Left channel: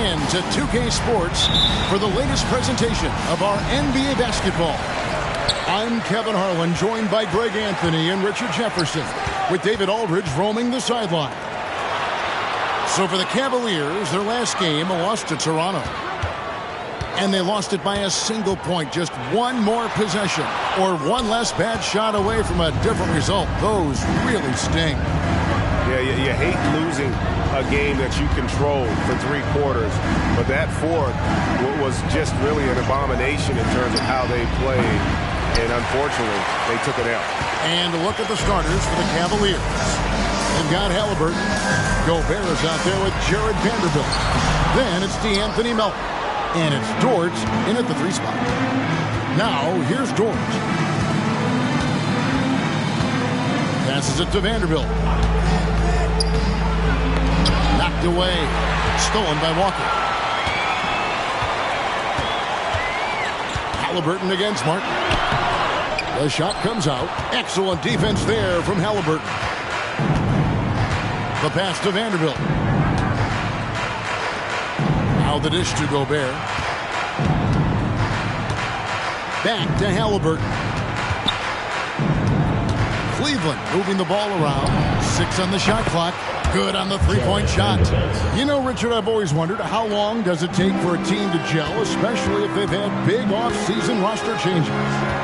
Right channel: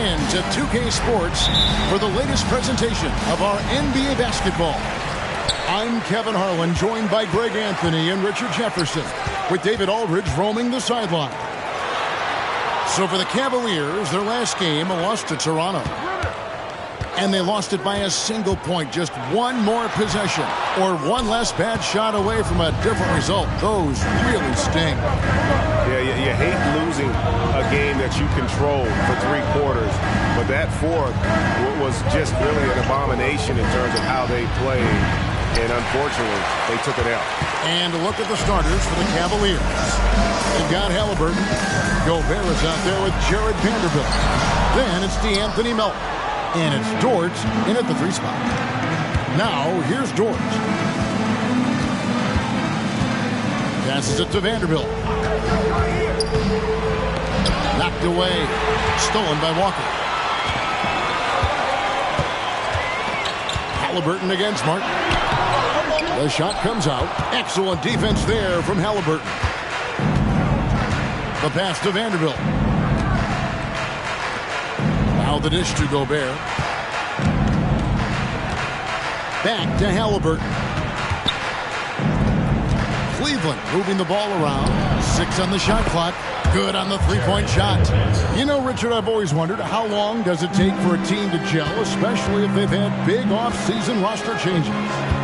in to 2K Sports for the latest presentation of our NBA basketball. I'm Kevin Harlan, joined by Greg Anthony and Richard Jefferson, with David Aldridge roaming the sideline. So for the Cavaliers, their last game, a loss to Toronto. And they lost it by a single point, just one more possession, or one less bad shot away from a different result. Those really sting. Yeah, you hate losing a game that you controlled for 3 quarters, but that fourth was just really an abomination in terms of how they played, and unfortunately, they took it out. And look at the starters for the Cavaliers. They've got Halliburton. Gobert is out there with Jared Vanderbilt. Then it's DeAnthony Melton. And it's Dort in at the 3 spot. Now, here's Dort. Passes it to Vanderbilt. Knocked away. Stolen by Walker. Halliburton against Martin. The shot comes out. Excellent defense there from Halliburton. The pass to Vanderbilt. Now the dish to Gobert. Back to Halliburton. Cleveland moving the ball around. 6 on the shot clock. Good on the 3-point shot. You know, Richard, I've always wondered, how long does it take for a team to gel, especially if they've had big off-season roster changes?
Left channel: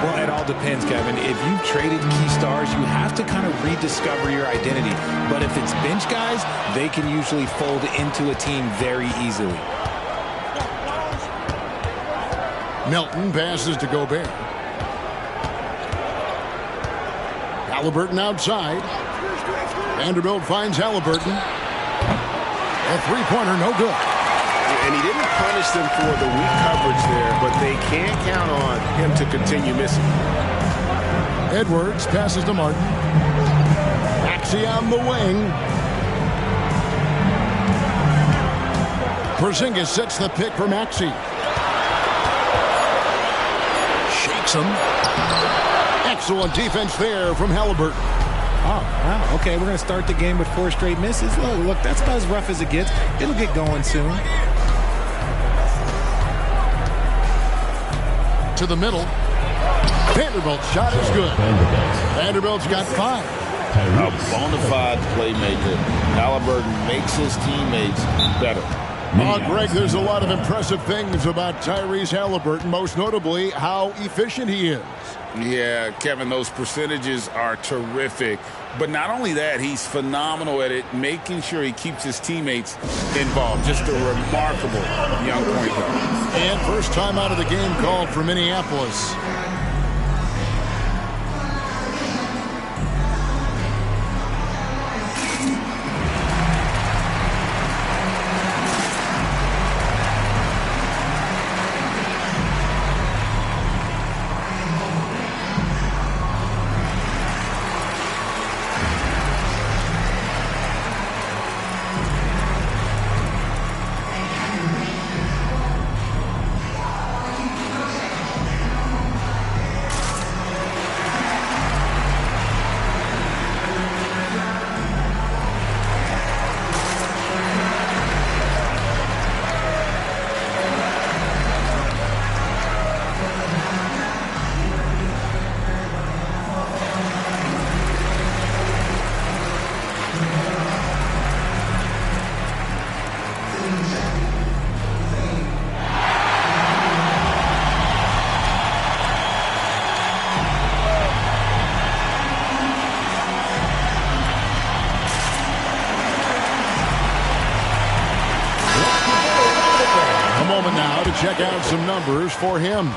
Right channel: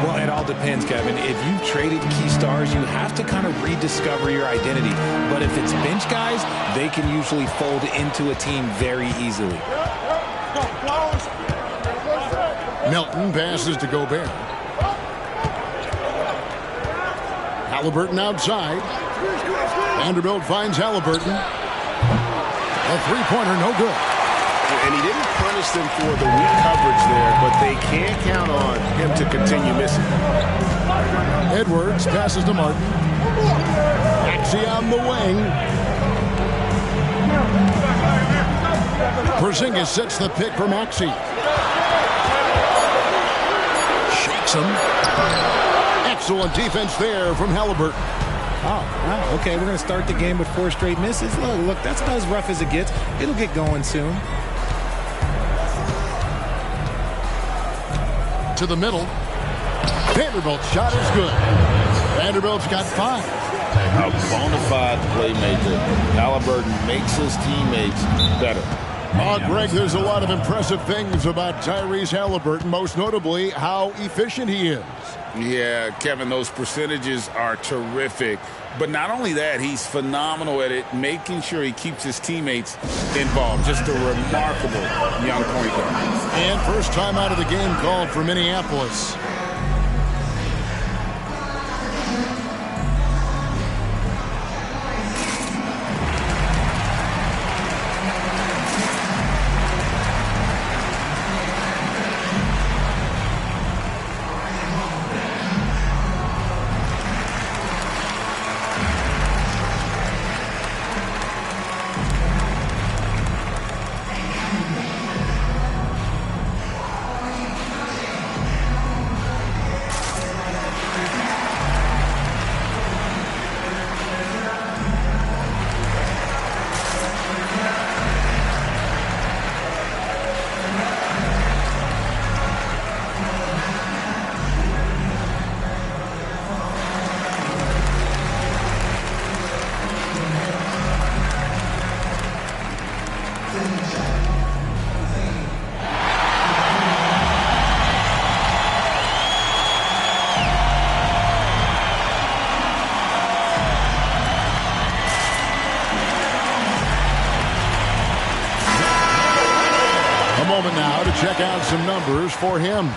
Well, it all depends, Kevin. If you've traded key stars, you have to kind of rediscover your identity. But if it's bench guys, they can usually fold into a team very easily. Melton passes to Gobert. Halliburton outside. Vanderbilt finds Halliburton. A 3-pointer, no good. And he didn't punish them for the weak coverage there, but they can't count on him to continue missing. Edwards passes to Martin. Maxey on the wing. Porzingis sets the pick for Maxey. Shakes him. Excellent defense there from Halliburton. Oh, wow. Okay, we're going to start the game with 4 straight misses. Look, that's about as rough as it gets. It'll get going soon. To the middle. Vanderbilt's shot is good. Vanderbilt's got 5. A bona fide playmaker. Halliburton makes his teammates better. Greg, there's a lot of impressive things about Tyrese Halliburton, most notably how efficient he is. Yeah, Kevin, those percentages are terrific. But not only that, he's phenomenal at it, making sure he keeps his teammates involved. Just a remarkable young point guard. And first time out of the game called for Minneapolis. Moment now to check out some numbers for him.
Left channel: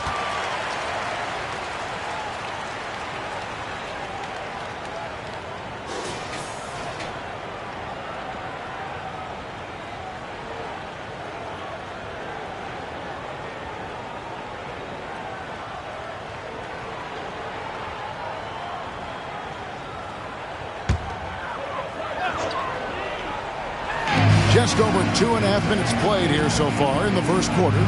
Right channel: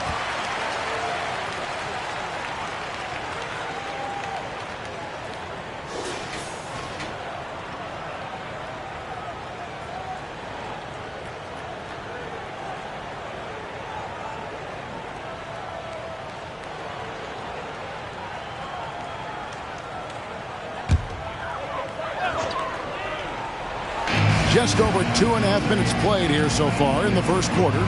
Just over 2.5 minutes played here so far in the first quarter.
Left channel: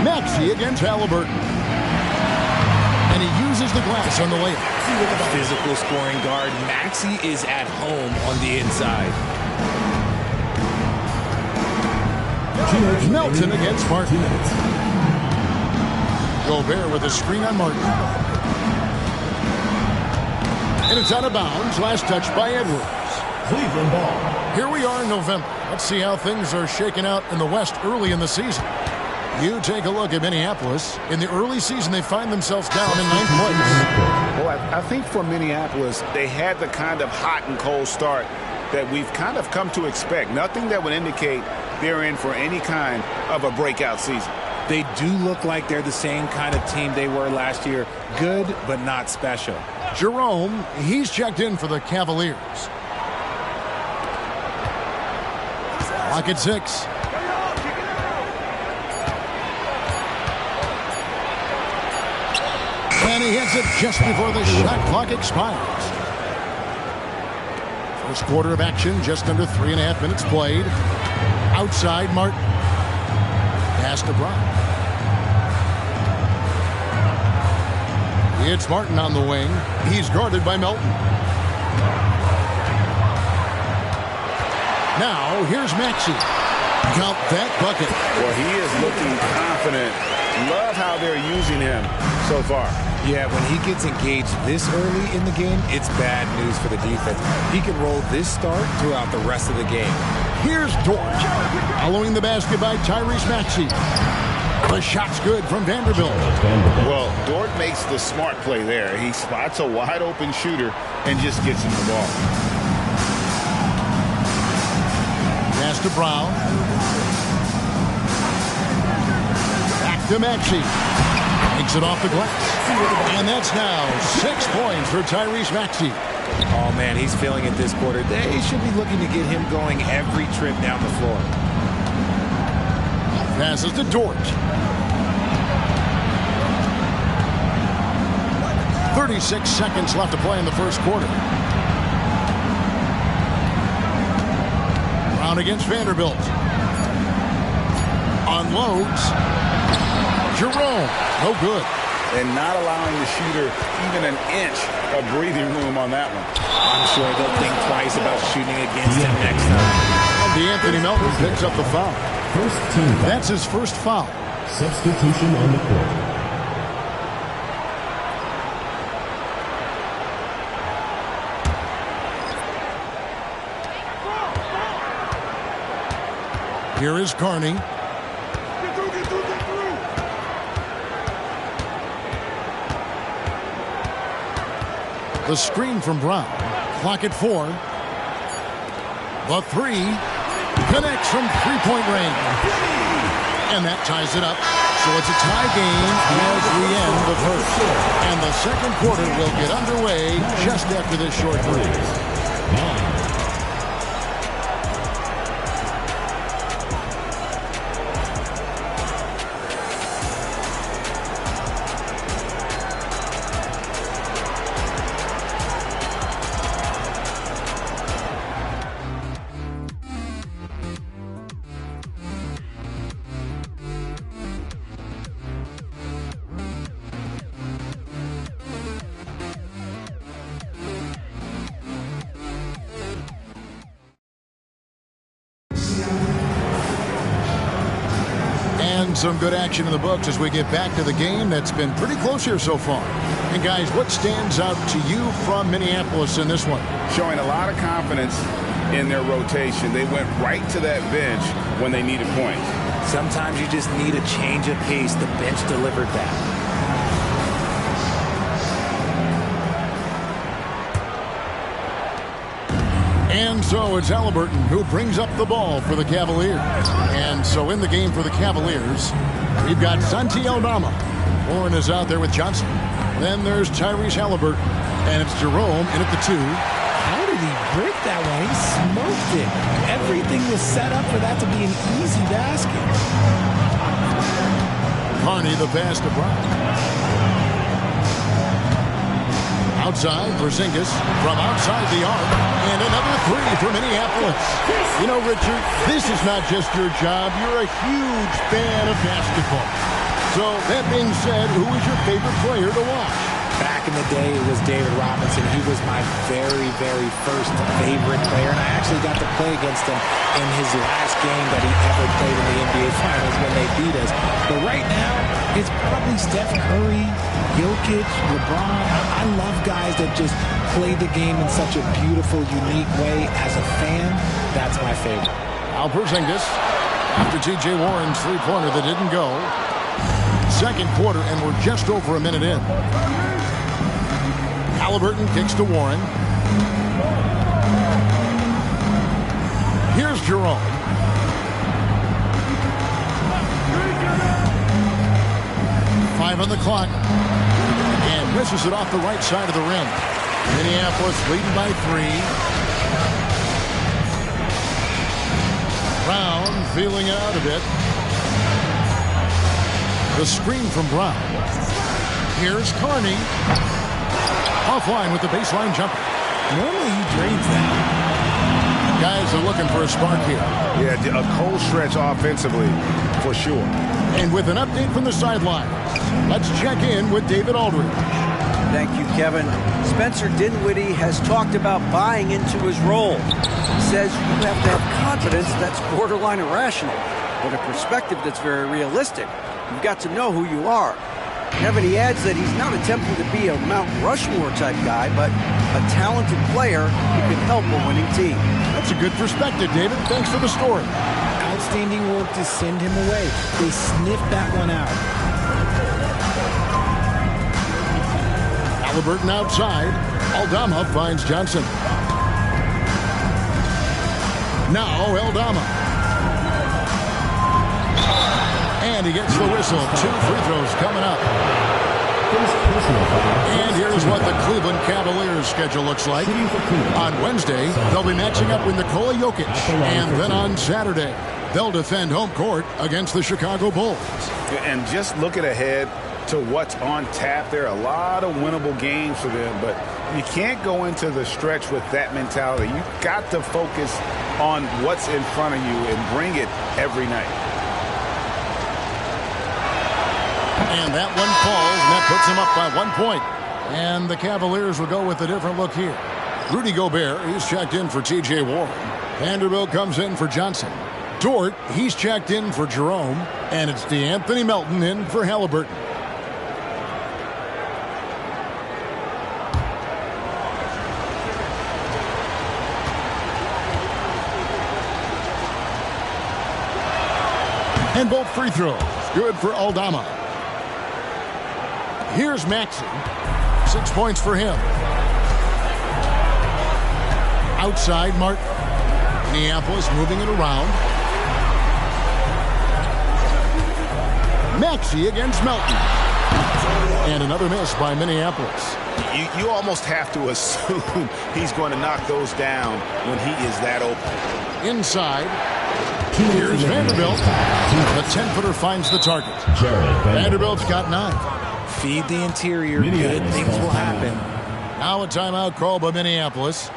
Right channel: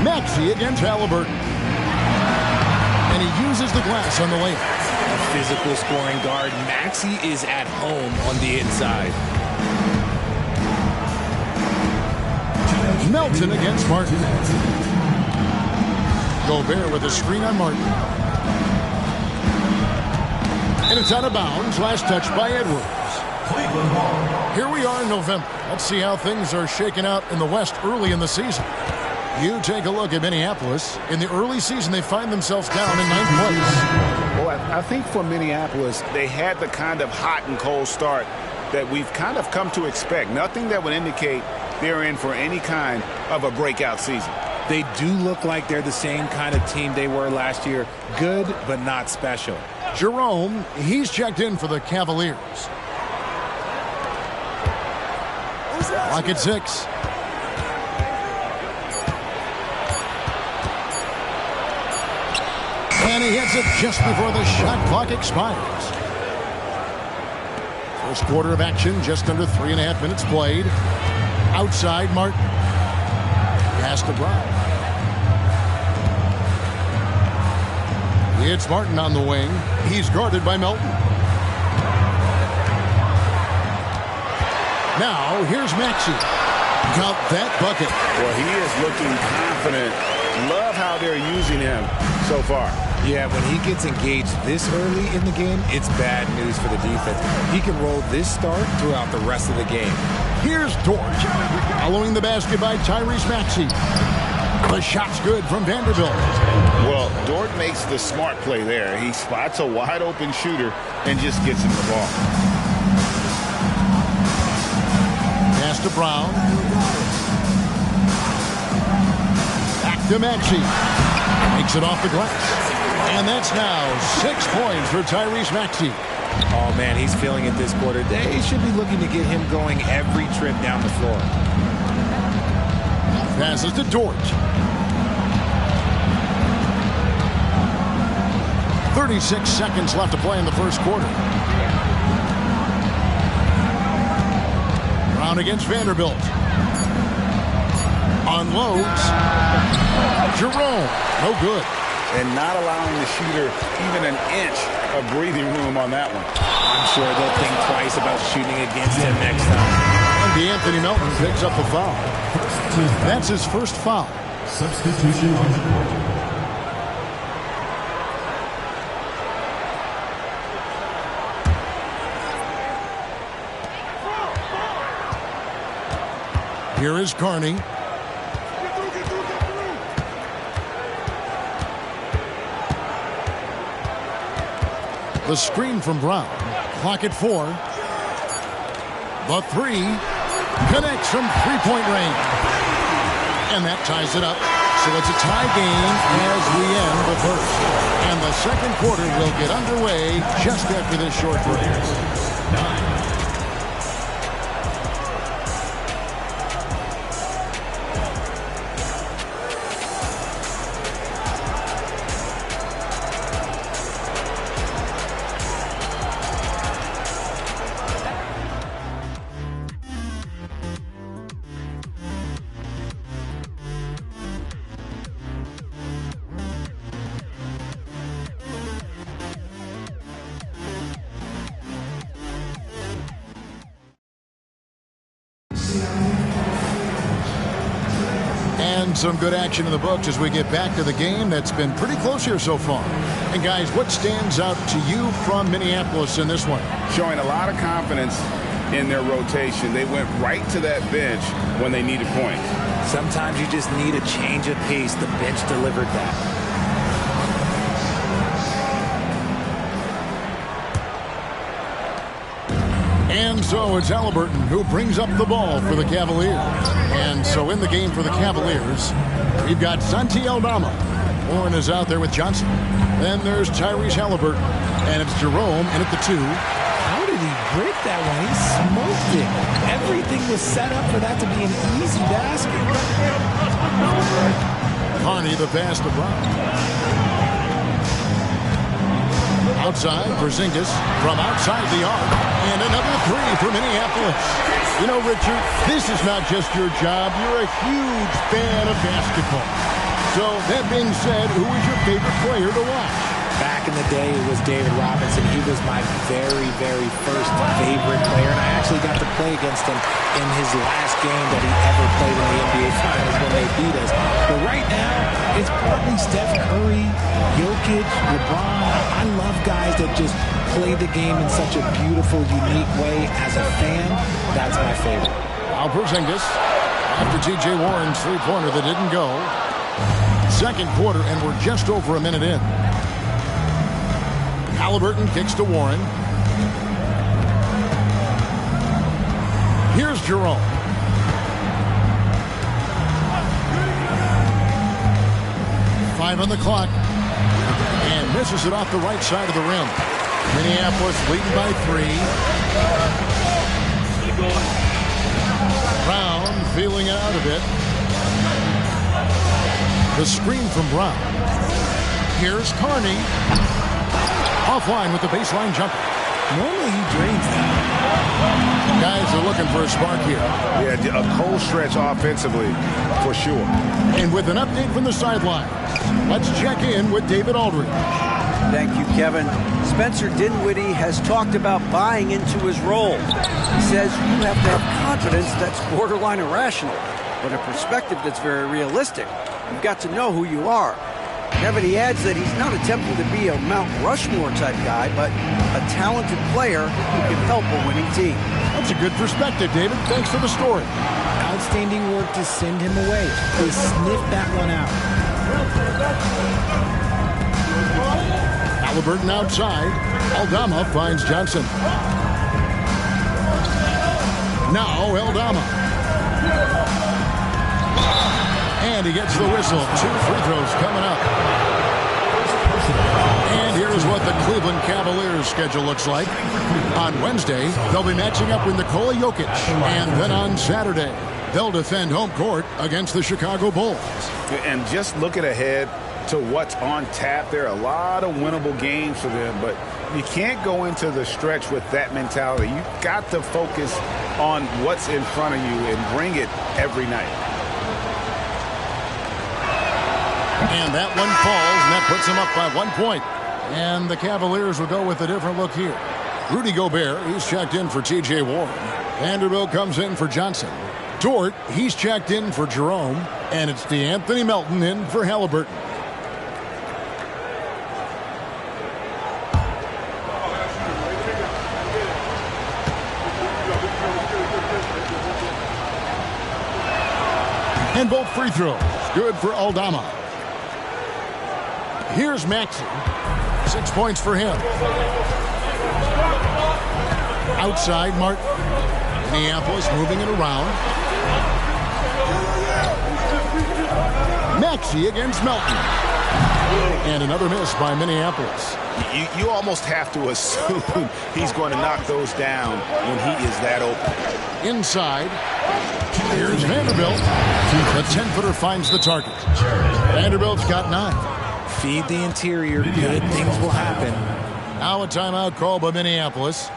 Maxey against Halliburton. And he uses the glass on the layup. A physical scoring guard. Maxey is at home on the inside. Melton against Martin. Gobert with a screen on Martin. And it's out of bounds. Last touch by Edwards. Cleveland ball. Here we are in November. Let's see how things are shaking out in the West early in the season. You take a look at Minneapolis. In the early season, they find themselves down in 9th place. Well, I think for Minneapolis, they had the kind of hot and cold start that we've kind of come to expect. Nothing that would indicate they're in for any kind of a breakout season. They do look like they're the same kind of team they were last year. Good, but not special. Jerome, he's checked in for the Cavaliers. Clock at 6. And he hits it just before the shot clock expires. First quarter of action, just under 3.5 minutes played. Outside, Martin. Pass to Brown. It's Martin on the wing. He's guarded by Melton. Now, here's Maxey. Count that bucket. Well, he is looking confident. Love how they're using him so far. Yeah, when he gets engaged this early in the game, it's bad news for the defense. He can roll this start throughout the rest of the game. Here's Dort. Following the basket by Tyrese Maxey. The shot's good from Vanderbilt. Well, Dort makes the smart play there. He spots a wide-open shooter and just gets him the ball. Pass to Brown. Back to Maxey. Makes it off the glass. And that's now 6 points for Tyrese Maxey. Oh, man, he's feeling it this quarter. They should be looking to get him going every trip down the floor. Passes to Dort. 36 seconds left to play in the first quarter. Brown against Vanderbilt. Unloads. Jerome. No good. And not allowing the shooter even an inch of breathing room on that one. I'm sure they'll think twice about shooting against him next time. And D'Anthony Melton picks up the foul. First team. That's his first foul. Substitution on the court. Here is Carney. Get through, get through, get through. The screen from Brown. Clock at 4. The three connects from three-point range. And that ties it up. So it's a tie game as we end the first. And the second quarter will get underway just after this short break. 9. And some good action in the books as we get back to the game that's been pretty close here so far. And guys, what stands out to you from Minneapolis in this one? Showing a lot of confidence in their rotation. They went right to that bench when they needed points. Sometimes you just need a change of pace. The bench delivered that. And so it's Halliburton who brings up the ball for the Cavaliers. And so in the game for the Cavaliers, we've got Santi Aldama. Warren is out there with Johnson. Then there's Tyrese Halliburton. And it's Jerome in at the 2. How did he break that one? He smoked it. Everything was set up for that to be an easy basket. Carney the pass to Brown. Outside, Porzingis from outside the arc. And another 3 for Minneapolis. You know, Richard, this is not just your job. You're a huge fan of basketball. So, that being said, who is your favorite player to watch? Back in the day, it was David Robinson. He was my very, very first favorite player, and I actually got to play against him in his last game that he ever played in the NBA Finals when they beat us. But right now, it's probably Steph Curry, Jokic, LeBron. I love guys that just play the game in such a beautiful, unique way. As a fan, that's my favorite. Al Porzingis, after T.J. Warren's three-pointer that didn't go. Second quarter, and we're just over a minute in. Halliburton kicks to Warren. Here's Jerome. Five on the clock. And misses it off the right side of the rim. Minneapolis leading by 3. Brown feeling it out a bit. The screen from Brown. Here's Carney. Offline with the baseline jumper. Normally he drains that. Guys are looking for a spark here. Yeah, a cold stretch offensively, for sure. And with an update from the sidelines, let's check in with David Aldridge. Thank you, Kevin. Spencer Dinwiddie has talked about buying into his role. He says you have to have confidence that's borderline irrational, but a perspective that's very realistic. You've got to know who you are. Kevin, he adds that he's not attempting to be a Mount Rushmore type guy, but a talented player who can help a winning team. That's a good perspective, David. Thanks for the story. Outstanding work to send him away. They sniffed that one out. Halliburton outside. Aldama finds Johnson. Now Aldama. And he gets the whistle. 2 free throws coming up. And here's what the Cleveland Cavaliers schedule looks like. On Wednesday, they'll be matching up with Nikola Jokic. And then on Saturday, they'll defend home court against the Chicago Bulls. And just looking ahead to what's on tap, there are a lot of winnable games for them, but you can't go into the stretch with that mentality. You've got to focus on what's in front of you and bring it every night. And that one falls, and that puts them up by 1 point. And the Cavaliers will go with a different look here. Rudy Gobert, he's checked in for T.J. Warren. Vanderbilt comes in for Johnson. Dort, he's checked in for Jerome. And it's DeAnthony Melton in for Halliburton. And both free throws, good for Aldama. Here's Maxey. 6 points for him. Outside, Martin. Minneapolis moving it around. Maxey against Melton. And another miss by Minneapolis. You almost have to assume he's going to knock those down when he is that open. Inside. Here's Vanderbilt. The 10-footer finds the target. Vanderbilt's got 9. Feed the interior. Good things will happen. Now a timeout call by Minneapolis.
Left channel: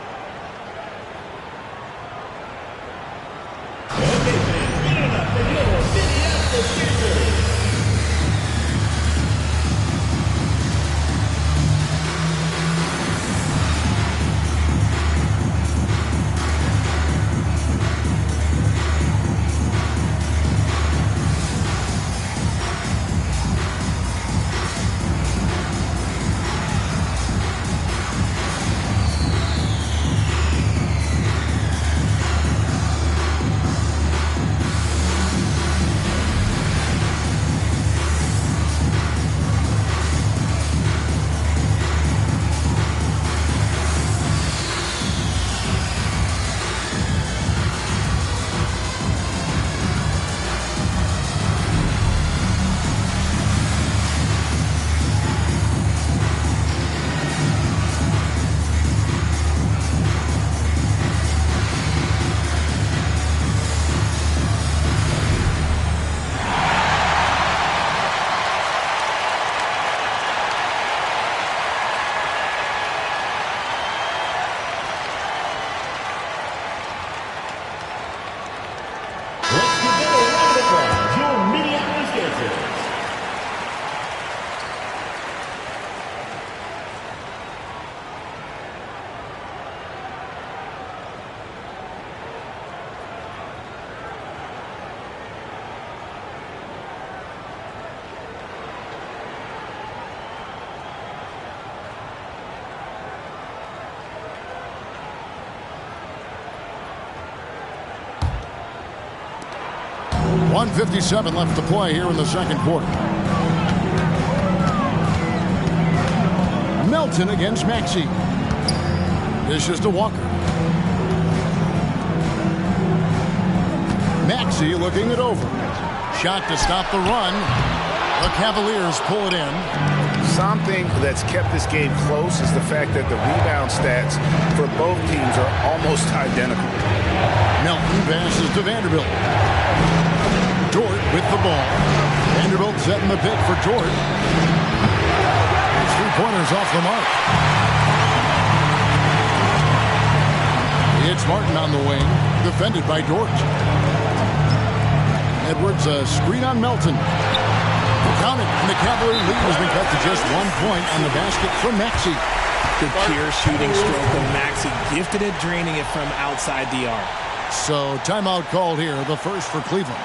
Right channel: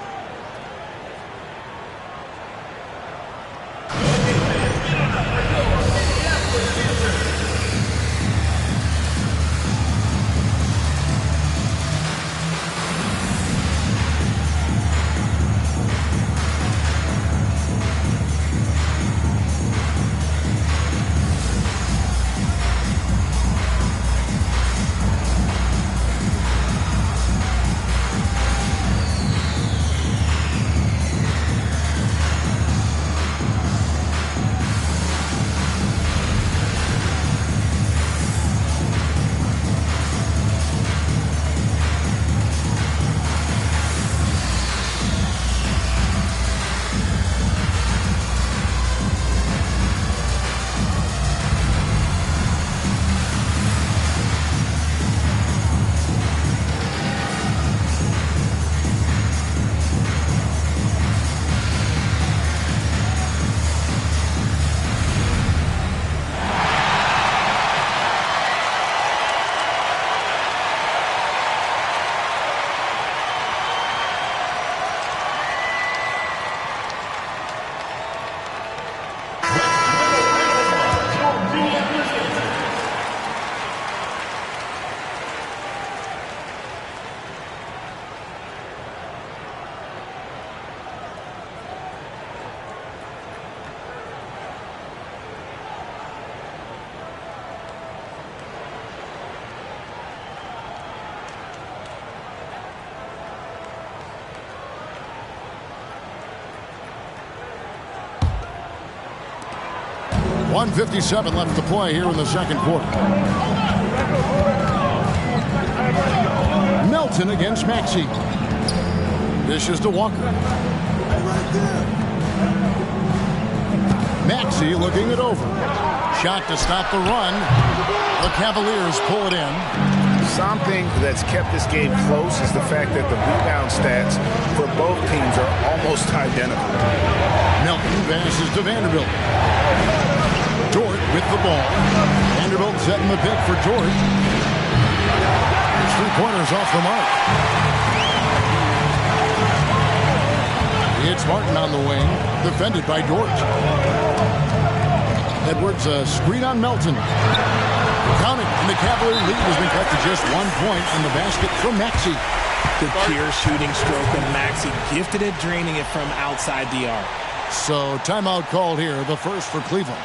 1:57 left to play here in the second quarter. Melton against Maxey. Dishes to Walker. Maxey looking it over. Shot to stop the run. The Cavaliers pull it in. Something that's kept this game close is the fact that the rebound stats for both teams are almost identical. Melton passes to Vanderbilt. Dort with the ball. Vanderbilt setting the pick for Dort. His 3-pointers off the mark. It's Martin on the wing, defended by Dort. Edwards a screen on Melton. Count it, and the Cavalier lead has been cut to just 1 point on the basket from Maxey. The pure shooting stroke of Maxey, gifted at draining it from outside the arc. So timeout called here, the first for Cleveland.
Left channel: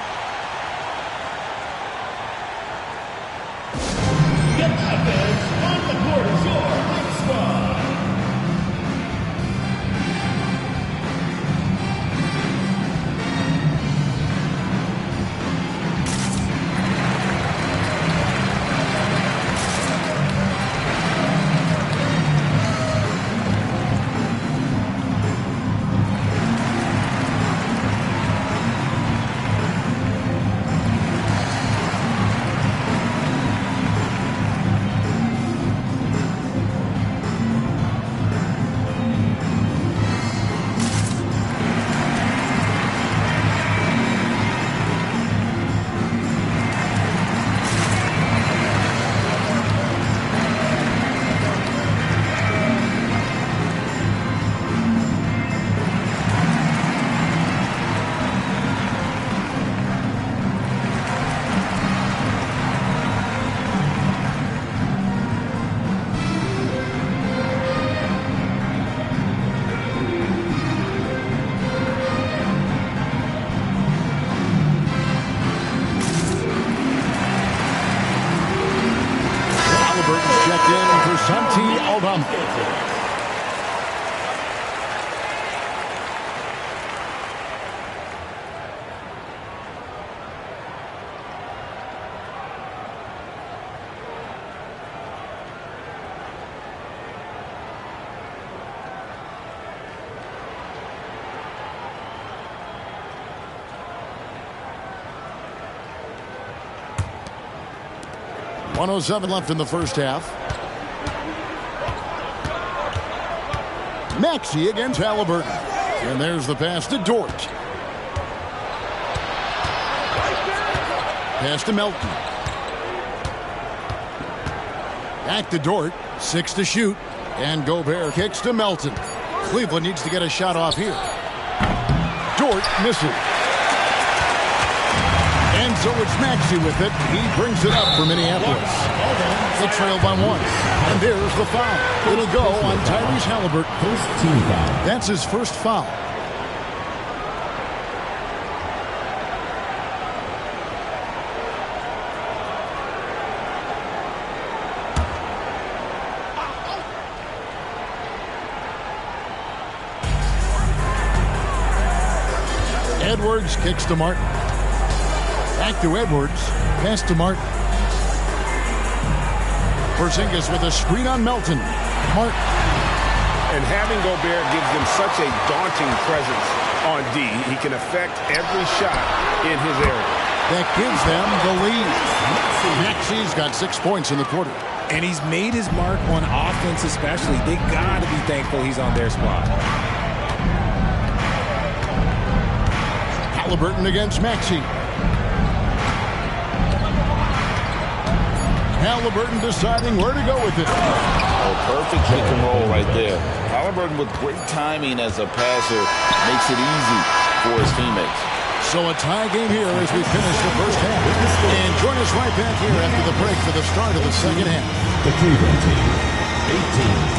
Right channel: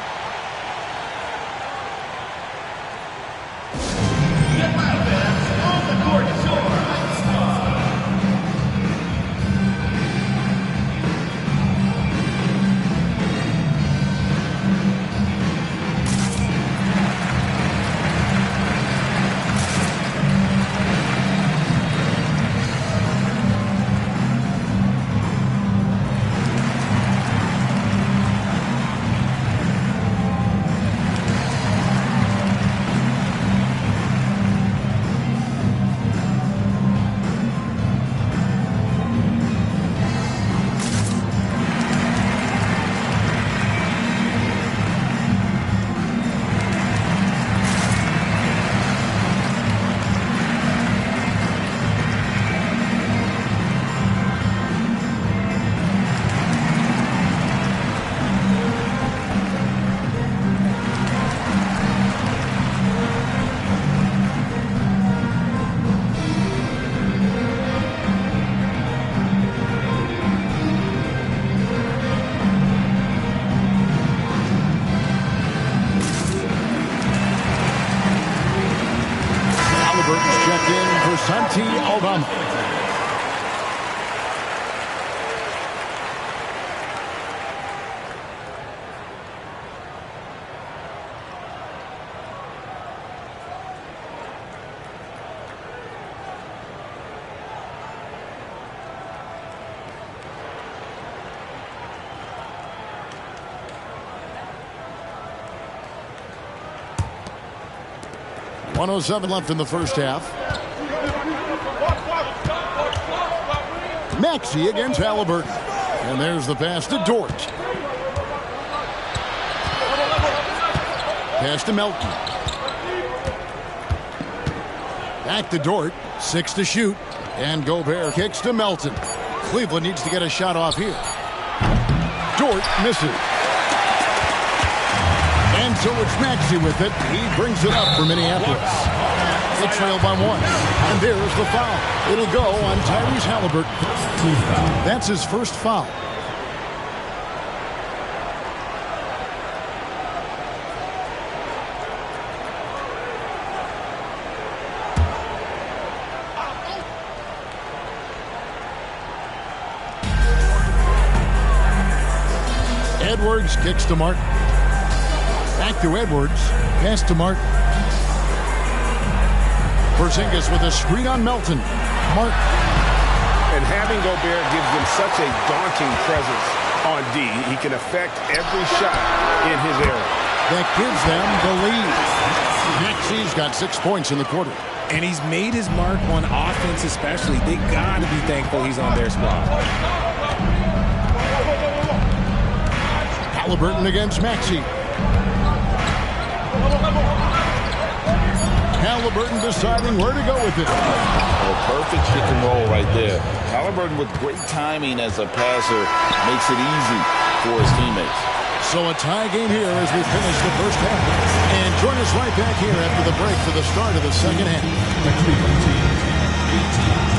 Halliburton's checked in for Santi Aldama. .107 left in the first half. Maxey against Halliburton. And there's the pass to Dort. Pass to Melton. Back to Dort. 6 to shoot. And Gobert kicks to Melton. Cleveland needs to get a shot off here. Dort misses. And so it's Maxey with it. He brings it up for Minneapolis. They trail by 1. And there's the foul. It'll go on Tyrese Halliburton. First team foul. That's his first foul. Edwards kicks to Martin. Back to Edwards. Pass to Martin. Porzingis with a screen on Melton. Martin. And having Gobert gives them such a daunting presence on D. He can affect every shot in his area. That gives them the lead. Maxey's got 6 points in the quarter. And he's made his mark on offense especially. They got to be thankful he's on their squad. Halliburton against Maxey. Halliburton deciding where to go with it. Oh, perfect pick and roll right there. Halliburton with great timing as a passer makes it easy for his teammates. So a tie game here as we finish the first half. And join us right back here after the break for the start of the second half. The Cleveland team, 18.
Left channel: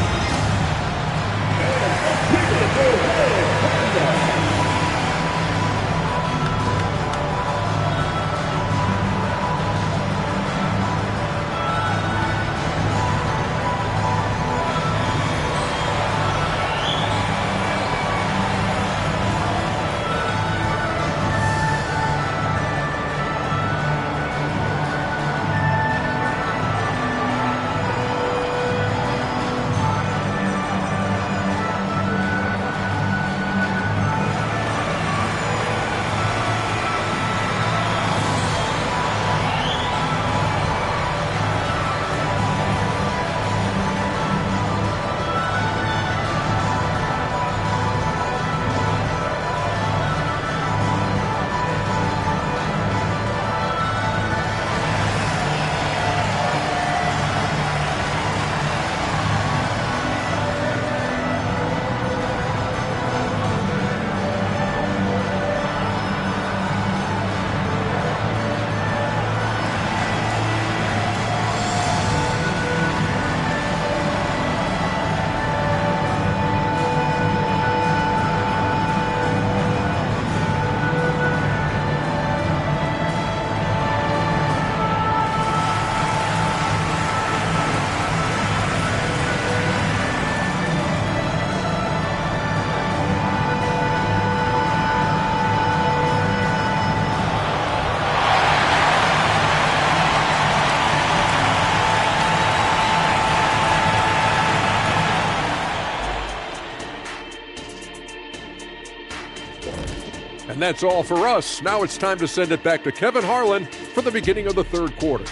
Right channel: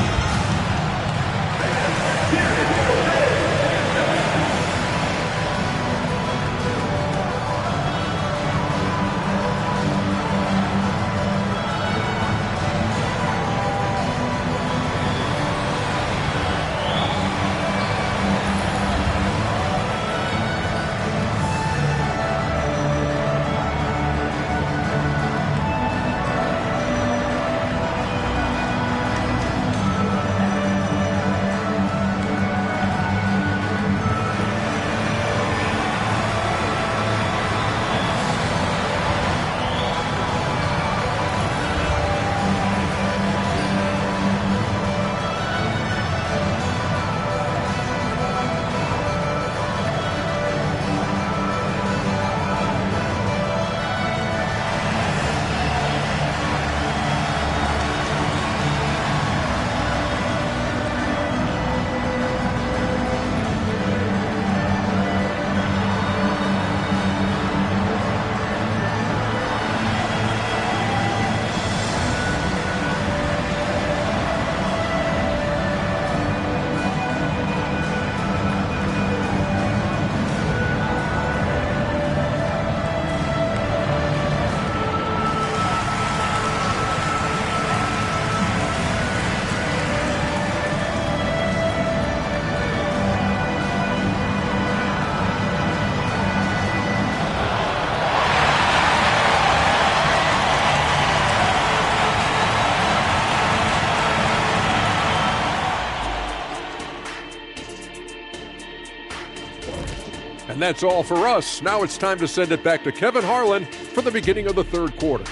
And that's all for us. Now it's time to send it back to Kevin Harlan for the beginning of the third quarter.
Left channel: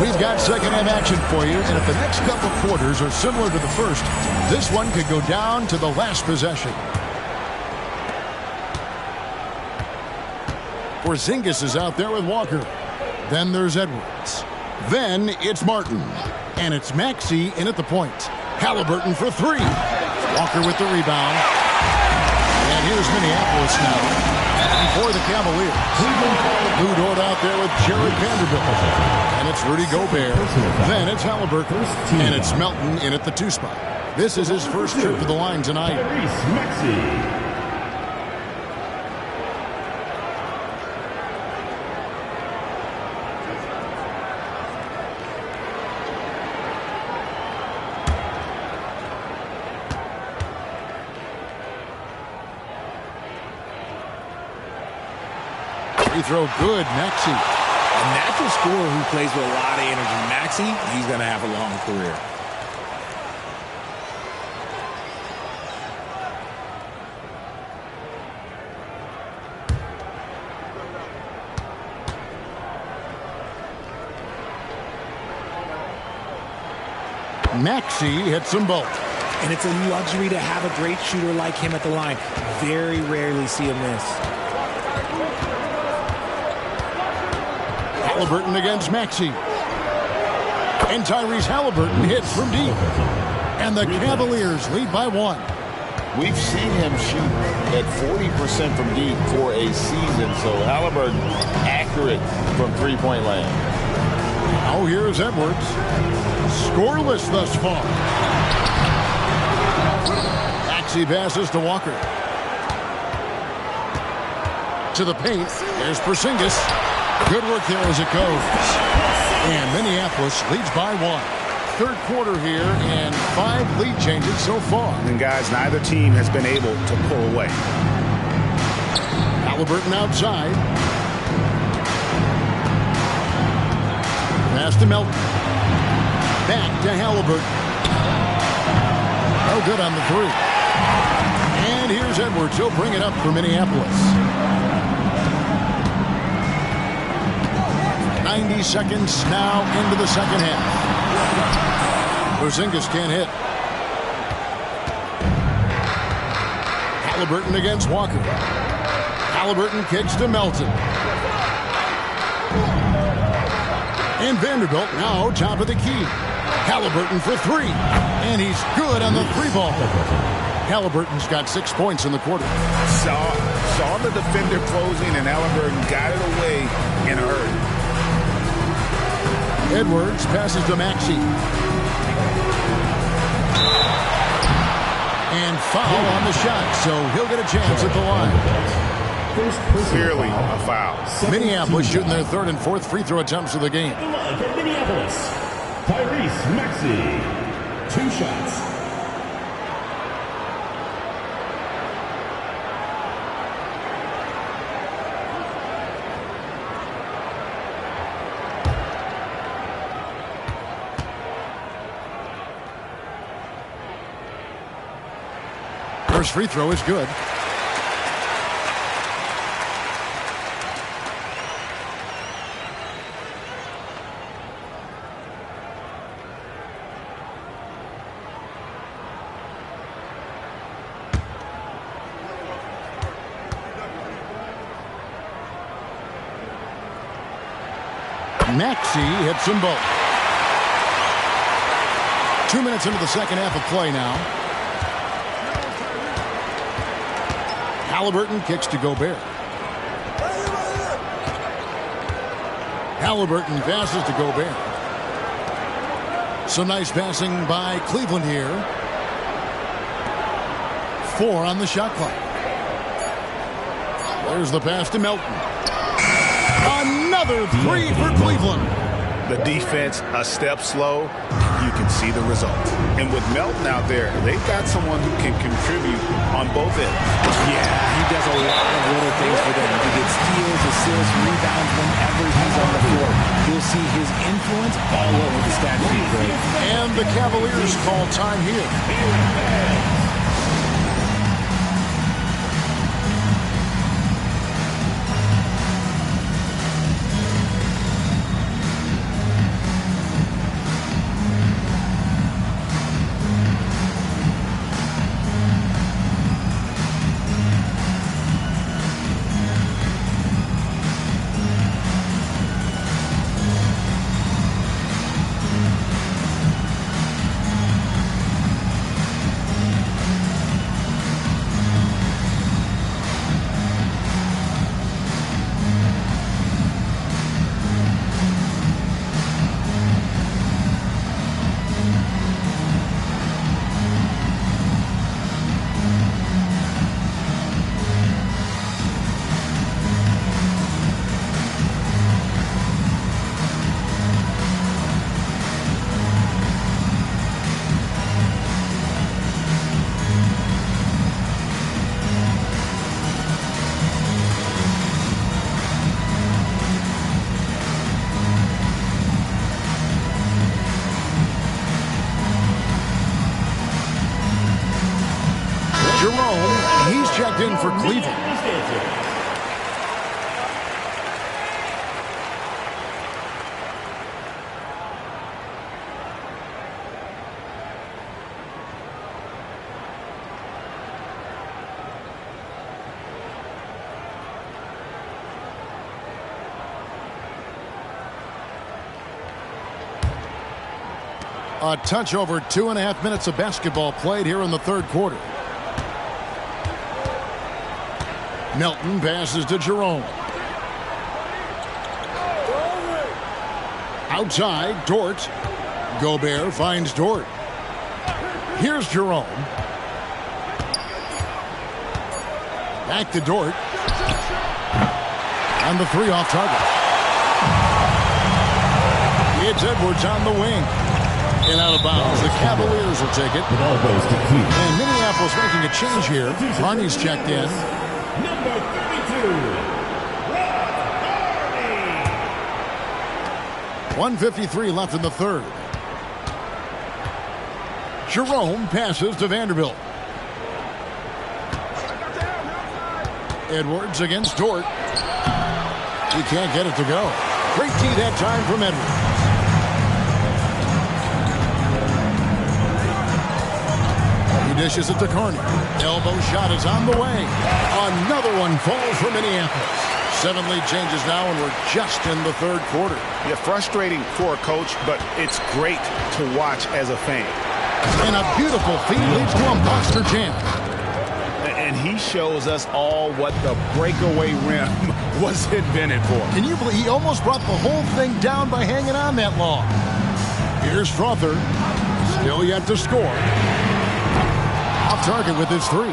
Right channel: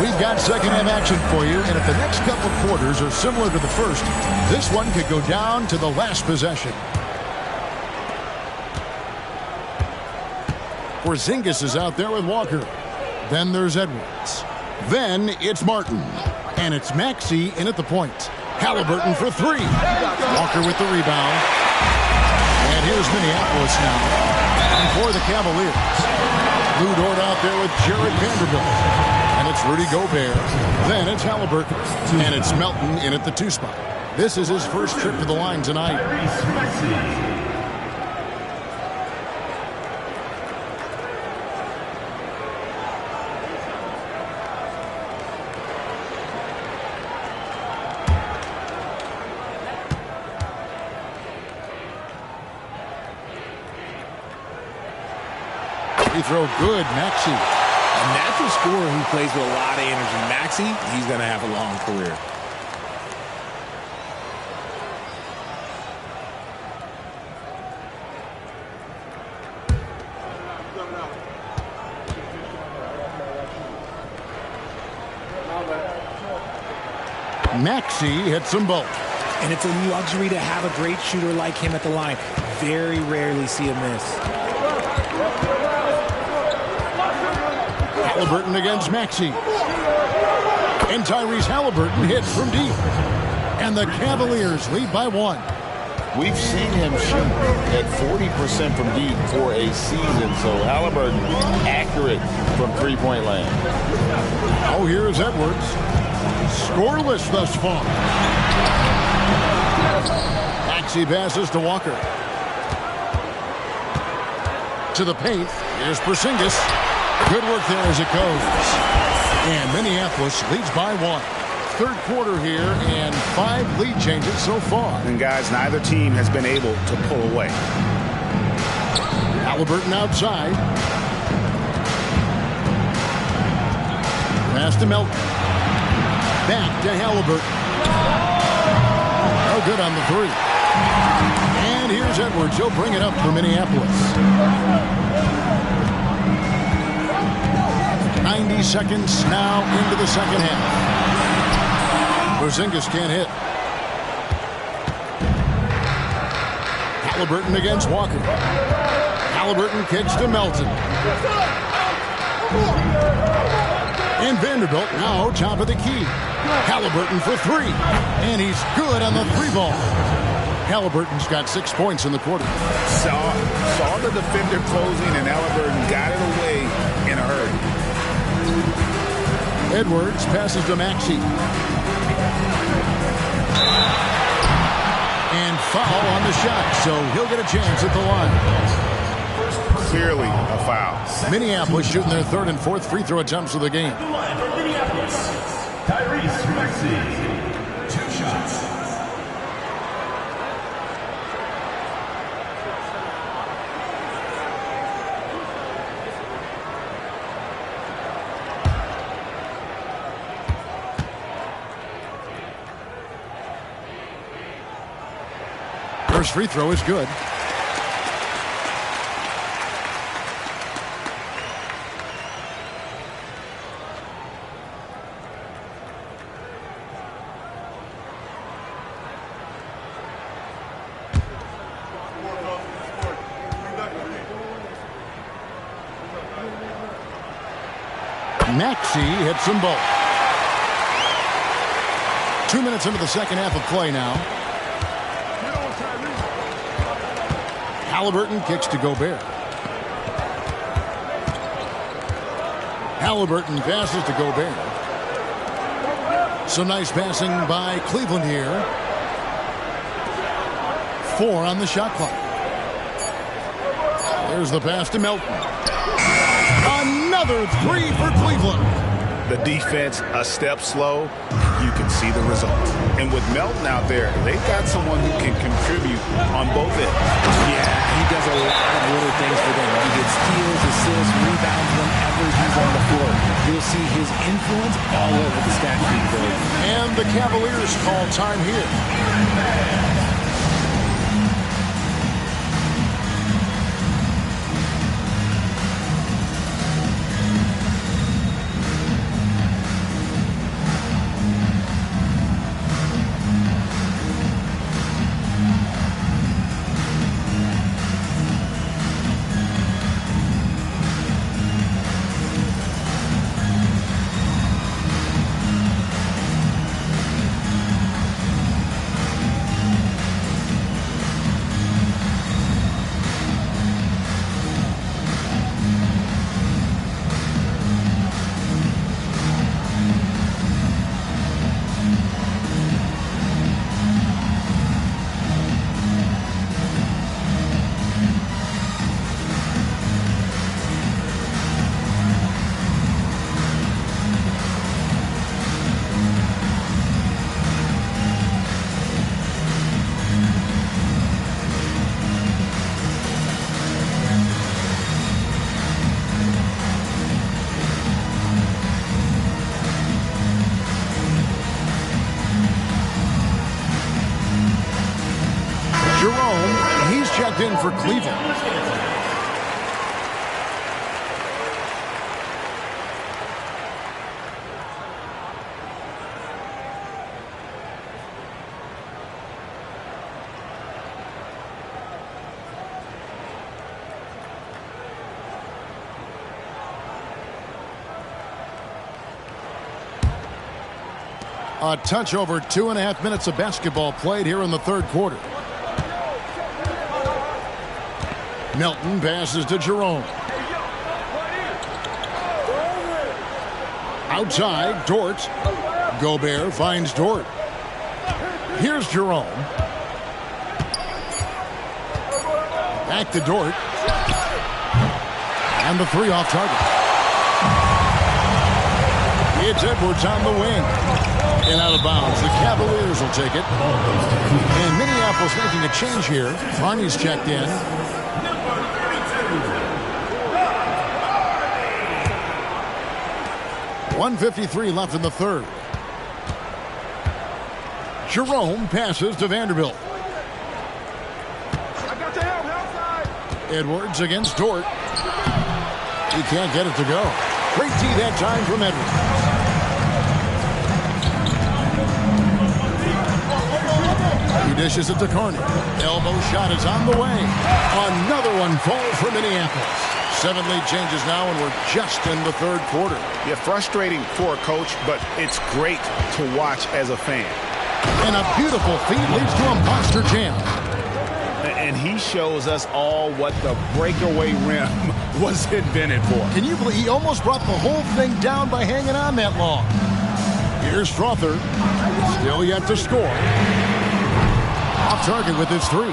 We've got second half action for you, and if the next couple quarters are similar to the first, this one could go down to the last possession. Porzingis is out there with Walker. Then there's Edwards. Then it's Martin. And it's Maxey in at the point. Halliburton for three. Walker with the rebound. And here's Minneapolis now. And for the Cavaliers, Lou Dort out there with Jared Vanderbilt. And it's Rudy Gobert. Then it's Halliburton. And it's Melton in at the 2 spot. This is his first trip to the line tonight. Free throw good, Maxey. A natural scorer who plays with a lot of energy. Maxey, he's going to have a long career. Maxey hits them both. And it's a luxury to have a great shooter like him at the line. Very rarely see him miss. Halliburton against Maxey. And Tyrese Halliburton hits from deep. And the Cavaliers lead by 1. We've seen him shoot at 40% from deep for a season, so Halliburton accurate from three-point land. Now here's Edwards. Scoreless thus far. Maxey passes to Walker. To the paint. Here's Porzingis. Good work there as it goes. And Minneapolis leads by 1. Third quarter here and 5 lead changes so far. And guys, neither team has been able to pull away. Halliburton outside. Pass to Melton. Back to Halliburton. No good on the 3. And here's Edwards. He'll bring it up for Minneapolis. 90 seconds now into the second half. Porzingis can't hit. Halliburton against Walker. Halliburton kicks to Melton. And Vanderbilt now top of the key. Halliburton for three. And he's good on the three ball. Halliburton's got 6 points in the quarter. Saw the defender closing, and Halliburton got it away in a hurry. Edwards passes to Maxey. And foul on the shot, so he'll get a chance at the line. Clearly a foul. Minneapolis shooting their third and fourth free throw attempts of the game. The line for Minneapolis, Tyrese Maxey. 2 shots. First free throw is good. Maxey hits them both. 2 minutes into the second half of play now. Halliburton kicks to Gobert. Halliburton passes to Gobert. Some nice passing by Cleveland here. 4 on the shot clock. There's the pass to Melton. Another 3 for Cleveland. The defense a step slow. You can see the result. And with Melton out there, they've got someone who can contribute on both ends. Yeah, he does a lot of little things for them. He gets steals, assists, rebounds whenever he's on the floor. You'll see his influence all over the stat sheet, Greg. And the Cavaliers call time here. Jerome, he's checked in for Cleveland. A touch over 2.5 minutes of basketball played here in the third quarter. Melton passes to Jerome. Outside, Dort. Gobert finds Dort. Here's Jerome. Back to Dort. And the 3 off target. It's Edwards on the wing. And out of bounds. The Cavaliers will take it. Ball goes to Cleveland. And Minneapolis making a change here. Harney's checked in. Number 32, Rob 1:53 left in the third. Jerome passes to Vanderbilt. Edwards against Dort. He can't get it to go. Great D that time from Edwards. He dishes it to Carney. Elbow shot is on the way. Another one falls for Minneapolis. 7 lead changes now, and we're just in the third quarter. Yeah, frustrating for a coach, but it's great to watch as a fan. And a beautiful feed leads to a monster jam. And he shows us all what the breakaway rim was invented for. Can you believe he almost brought the whole thing down by hanging on that long? Here's Strother. Still yet to score. Off target with his 3.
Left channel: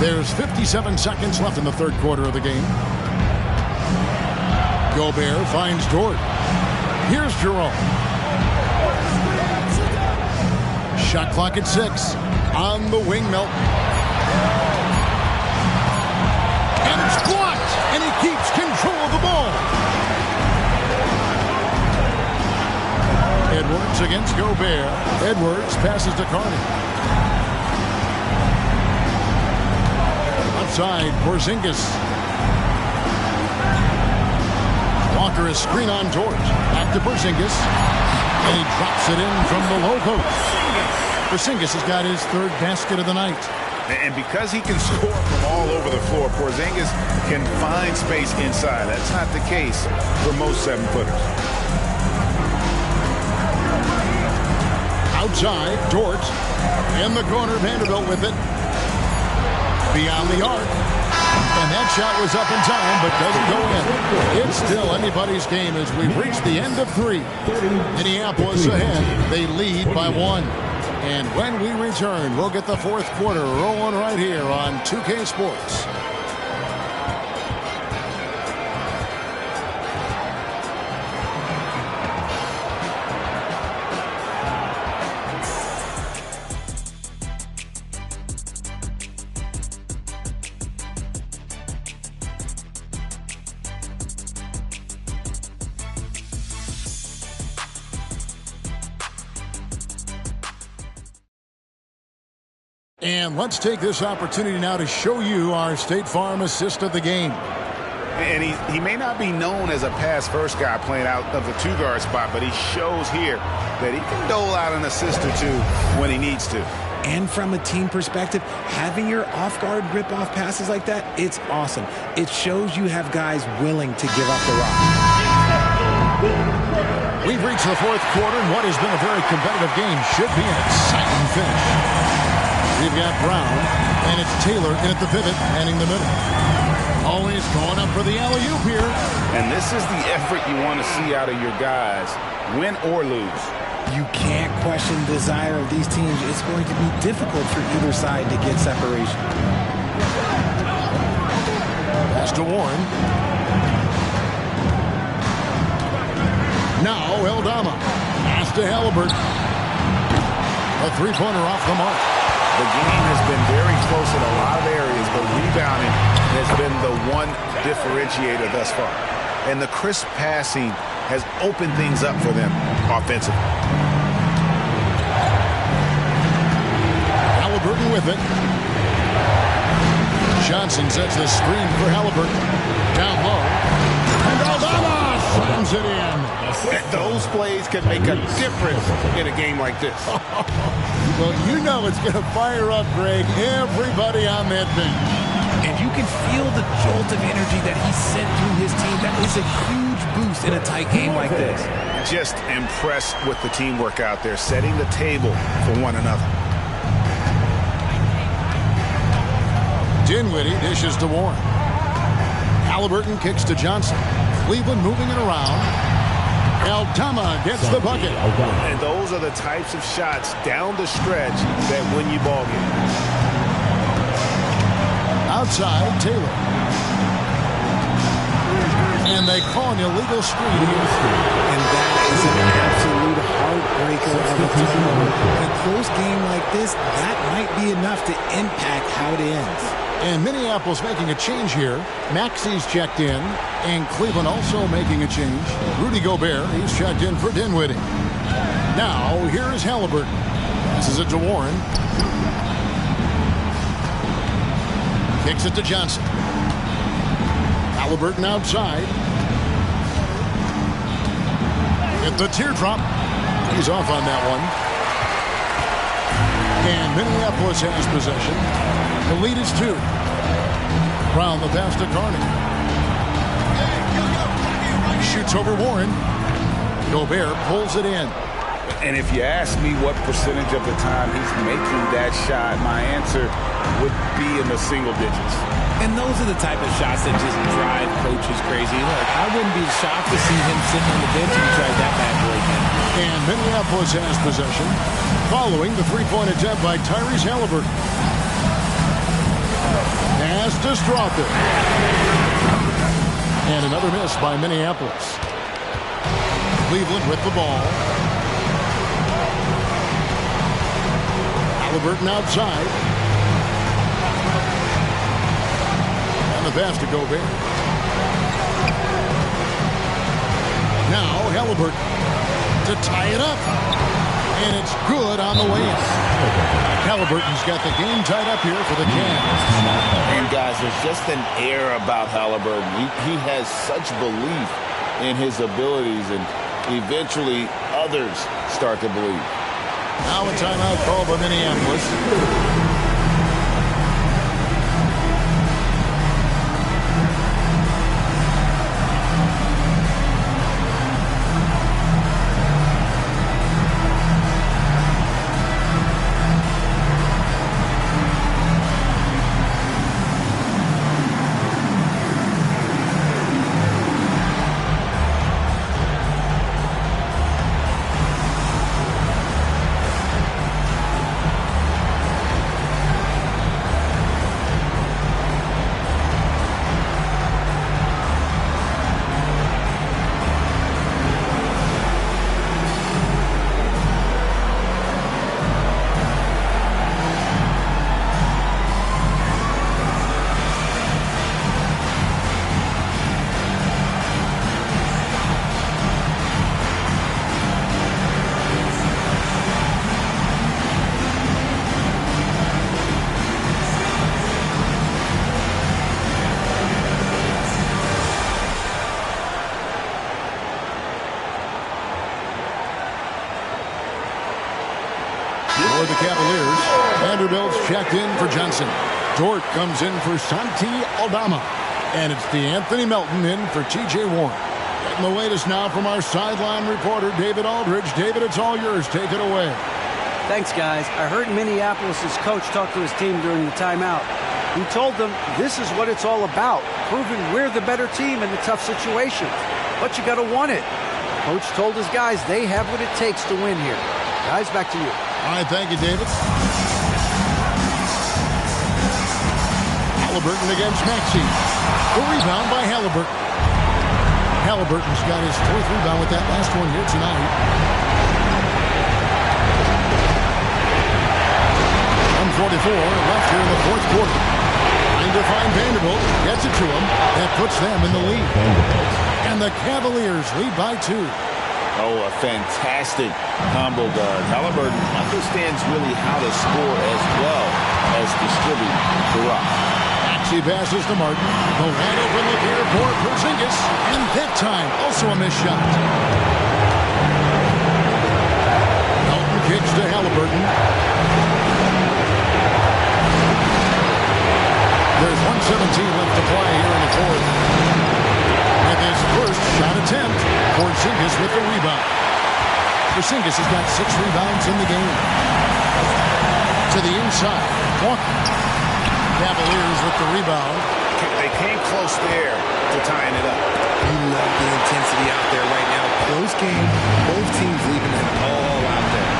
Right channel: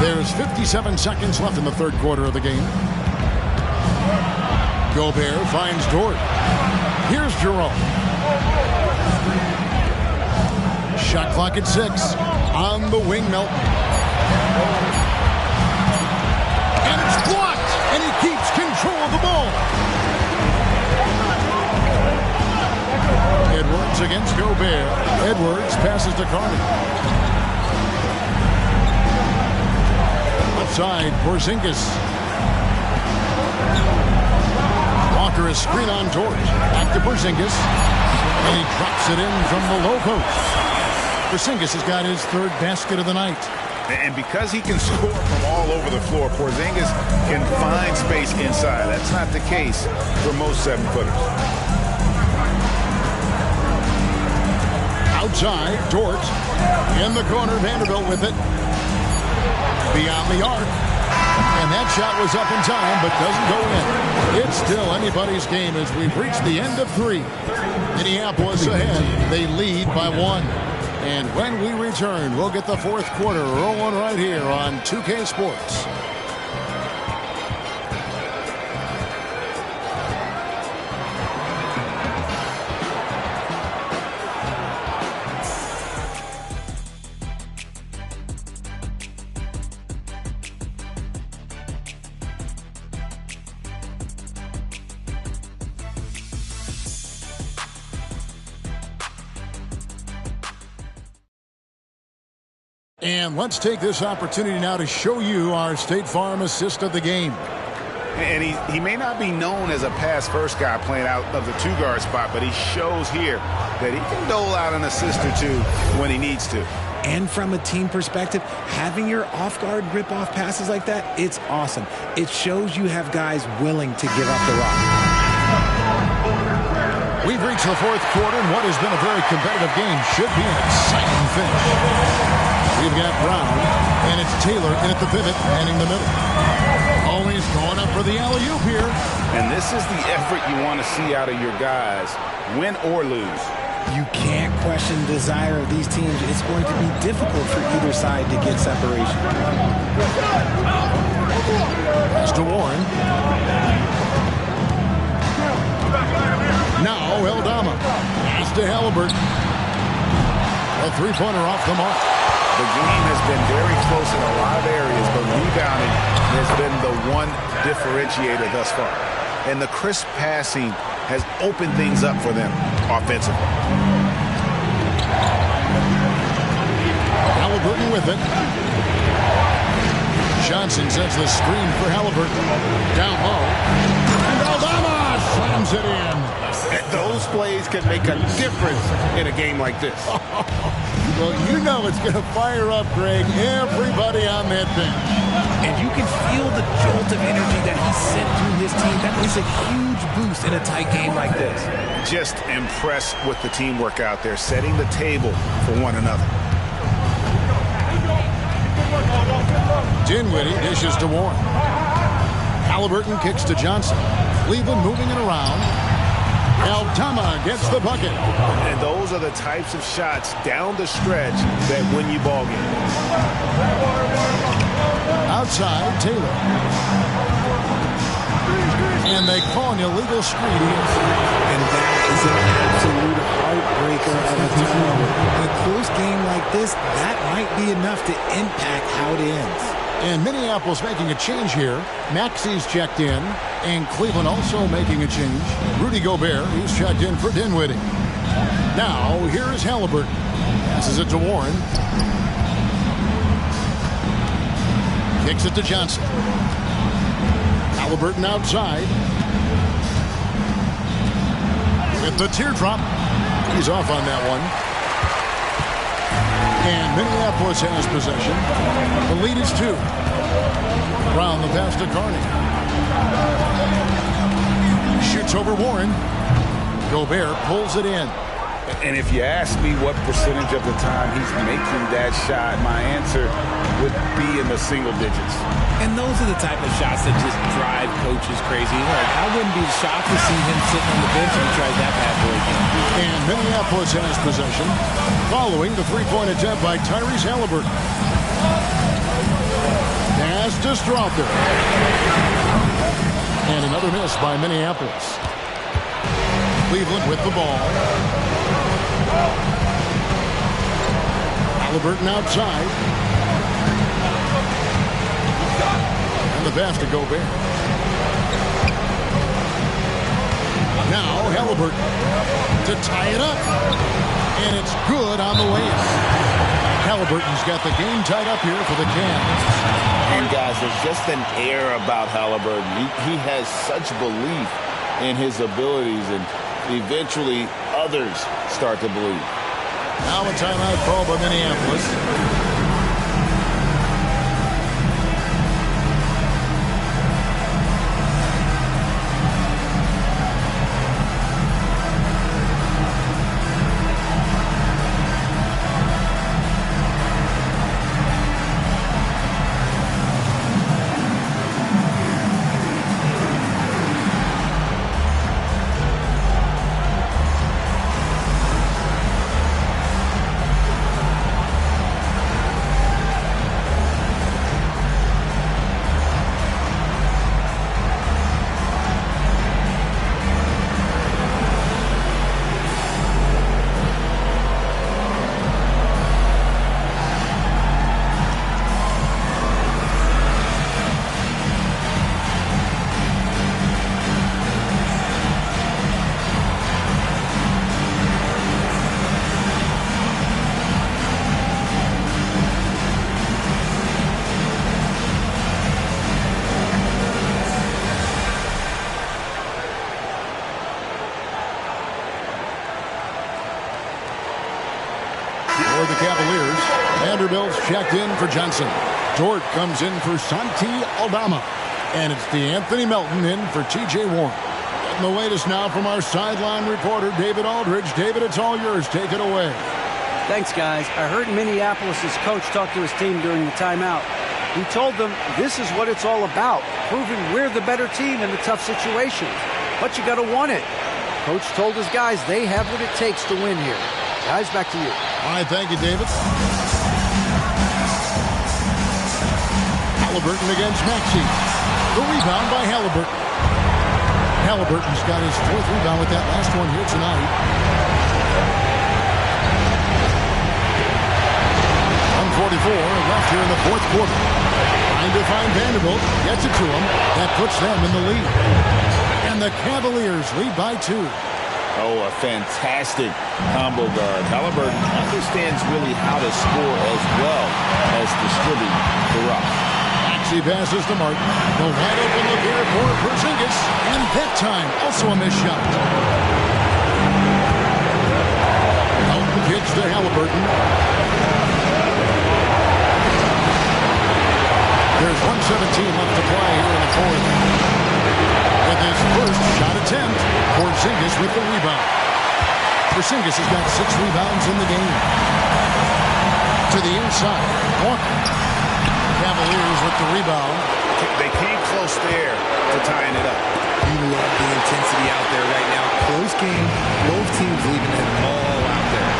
There's 57 seconds left in the third quarter of the game. Gobert finds Dort. Here's Jerome. Shot clock at 6. On the wing, Melton. And it's blocked. And he keeps control of the ball. Edwards against Gobert. Edwards passes to Carney. Outside, Porzingis. Walker is screen on Dort. Back to Porzingis. And he drops it in from the low post. Porzingis has got his 3rd basket of the night. And because he can score from all over the floor, Porzingis can find space inside. That's not the case for most 7-footers. Outside, Dort. In the corner, Vanderbilt with it. Beyond the arc. And that shot was up in time, but doesn't go in. It's still anybody's game as we've reached the end of 3. Minneapolis ahead. They lead by 1. And when we return, we'll get the fourth quarter rolling right here on 2K Sports. And let's take this opportunity now to show you our State Farm assist of the game. And he may not be known as a pass-first guy playing out of the 2-guard spot, but he shows here that he can dole out an assist or 2 when he needs to. And from a team perspective, having your off-guard rip-off passes like that, it's awesome. It shows you have guys willing to give up the rock. We've reached the fourth quarter, and what has been a very competitive game should be an exciting finish. We've got Brown, and it's Taylor in at the pivot, manning the middle. Always going up for the alley-oop here. And this is the effort you want to see out of your guys, win or lose. You can't question the desire of these teams. It's going to be difficult for either side to get separation. Pass to Warren. Now Eldama. Pass to Halliburton. A 3-pointer off the mark. The game has been very close in a lot of areas, but rebounding has been the one differentiator thus far. And the crisp passing has opened things up for them offensively. Halliburton with it. Johnson sets the screen for Halliburton. Down low. And Eldama slams it in. Those plays can make a difference in a game like this. Well, you know it's going to fire up, Greg, everybody on that bench. And you can feel the jolt of energy that he sent through his team. That is a huge boost in a tight game like this. Just impressed with the teamwork out there, setting the table for one another. Dinwiddie dishes to Warren. Halliburton kicks to Johnson. Cleveland moving it around. Eldama gets the bucket. And those are the types of shots down the stretch that win you ball games. Outside, Taylor. And they call an illegal screen here. And that is an absolute heartbreaker of a turnover. In a close game like this, that might be enough to impact how it ends. And Minneapolis making a change here. Maxey's checked in. And Cleveland also making a change. Rudy Gobert, he's checked in for Dinwiddie. Now, here is Halliburton. Passes it to Warren. Kicks it to Johnson. Halliburton outside. With the teardrop. He's off on that one. And Minneapolis has possession. The lead is 2. Brown the pass to Carney. Shoots over Warren. Gobert pulls it in. And if you ask me what percentage of the time he's making that shot, my answer would be in the single digits. And those are the type of shots that just drive coaches crazy. Look, I wouldn't be shocked to see him sitting on the bench if he tries that bad boy again. And Minneapolis has possession following the three-point attempt by Tyrese Halliburton. Pass to Strawther. And another miss by Minneapolis. Cleveland with the ball. Halliburton outside. And the pass to Gobert. Now Halliburton to tie it up. And it's good on the way in. Halliburton's got the game tied up here for the Cavs. And guys, there's just an air about Halliburton. He has such belief in his abilities, and eventually others start to believe. Now a timeout called by Minneapolis. For the Cavaliers, Vanderbilt's checked in for Johnson. Dort comes in for Santi Aldama. And it's DeAnthony Melton in for T.J. Warren. Getting the latest now from our sideline reporter, David Aldridge. David, it's all yours. Take it away. Thanks, guys. I heard Minneapolis' coach talk to his team during the timeout. He told them this is what it's all about, proving we're the better team in the tough situations. But you got to want it. Coach told his guys they have what it takes to win here. Guys, back to you. All right, thank you, David. Halliburton against Maxey. The rebound by Halliburton. Halliburton's got his 4th rebound with that last one here tonight. 1:44 left here in the 4th quarter. Trying to find Vanderbilt. Gets it to him. That puts them in the lead. And the Cavaliers lead by 2. Oh, a fantastic combo guard. Halliburton understands really how to score as well as distribute the rock. Maxey passes to Martin. The wide open look here for Porzingis. And that time, also a missed shot. Melton kicks to Halliburton. There's 1:17 left to play here in the 4th. With his first shot attempt, Porzingis with the rebound. Porzingis has got 6 rebounds in the game. To the inside, Walker. Cavaliers with the rebound. They came close there to tying it up. You love the intensity out there right now. Close game. Both teams leaving it all out there.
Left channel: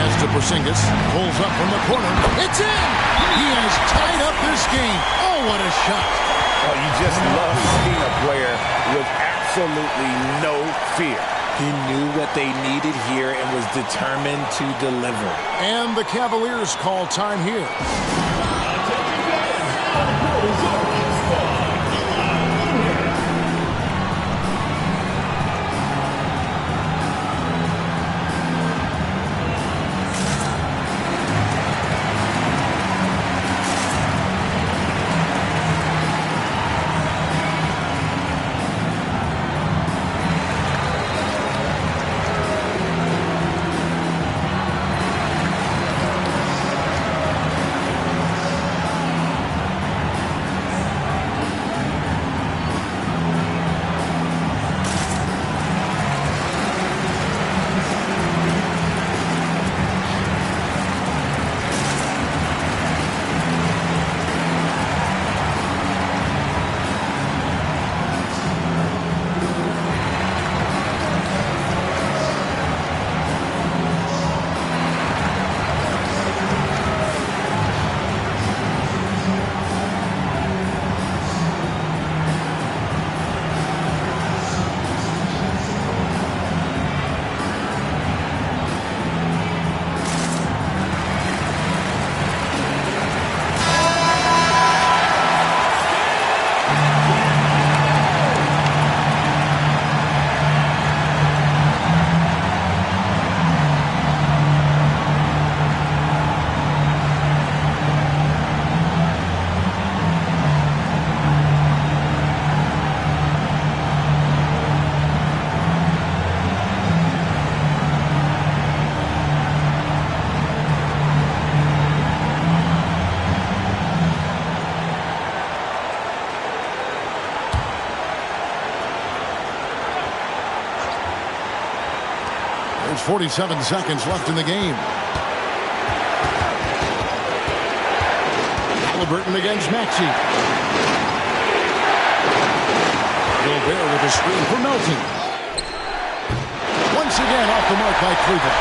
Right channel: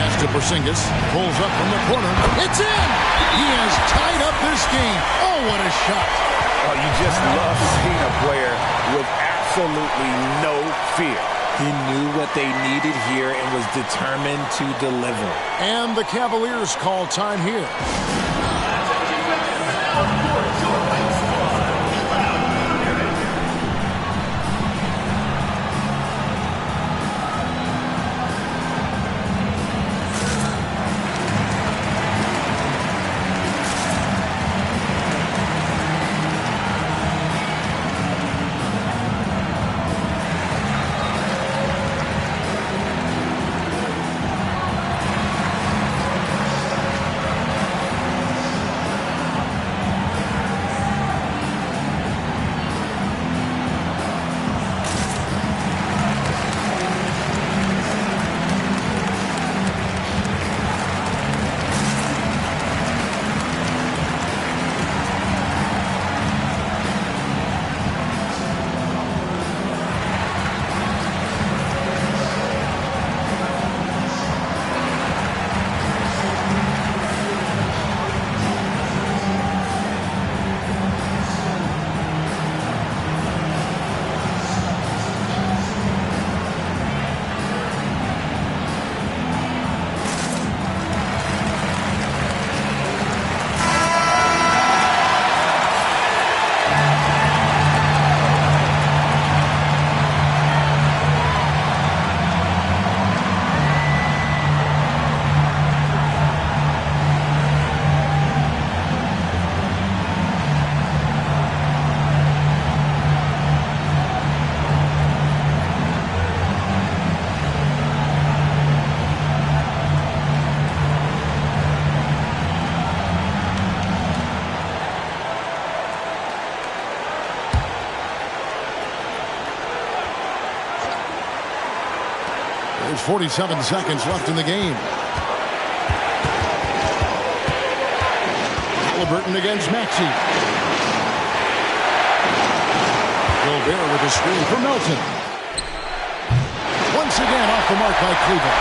Pass to Porzingis. Pulls up from the corner. It's in! He has tied up this game. Oh, what a shot. Oh, you just love seeing a player with absolutely no fear. He knew what they needed here and was determined to deliver. And the Cavaliers call time here. 47 seconds left in the game. Halliburton against Maxey. Gobert with a screen for Melton. Once again off the mark by Cleveland.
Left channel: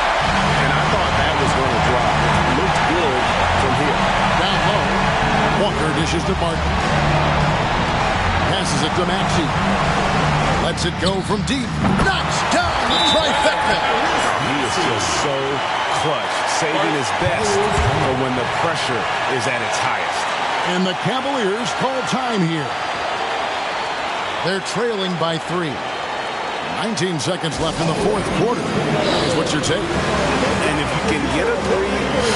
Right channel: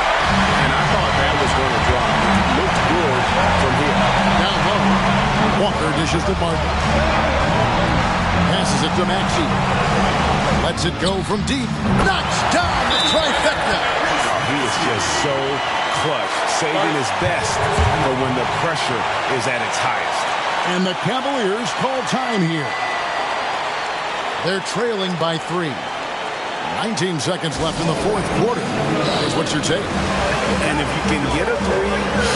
And I thought that was going to drop. It looked good from here. Down low. Walker dishes to Martin. Passes it to Maxey. Lets it go from deep. Knocks down the trifecta. Oh, he is just so clutch, saving his best for when the pressure is at its highest. And the Cavaliers call time here. They're trailing by 3. 19 seconds left in the fourth quarter. Is what you're taking. And if you can get a 3,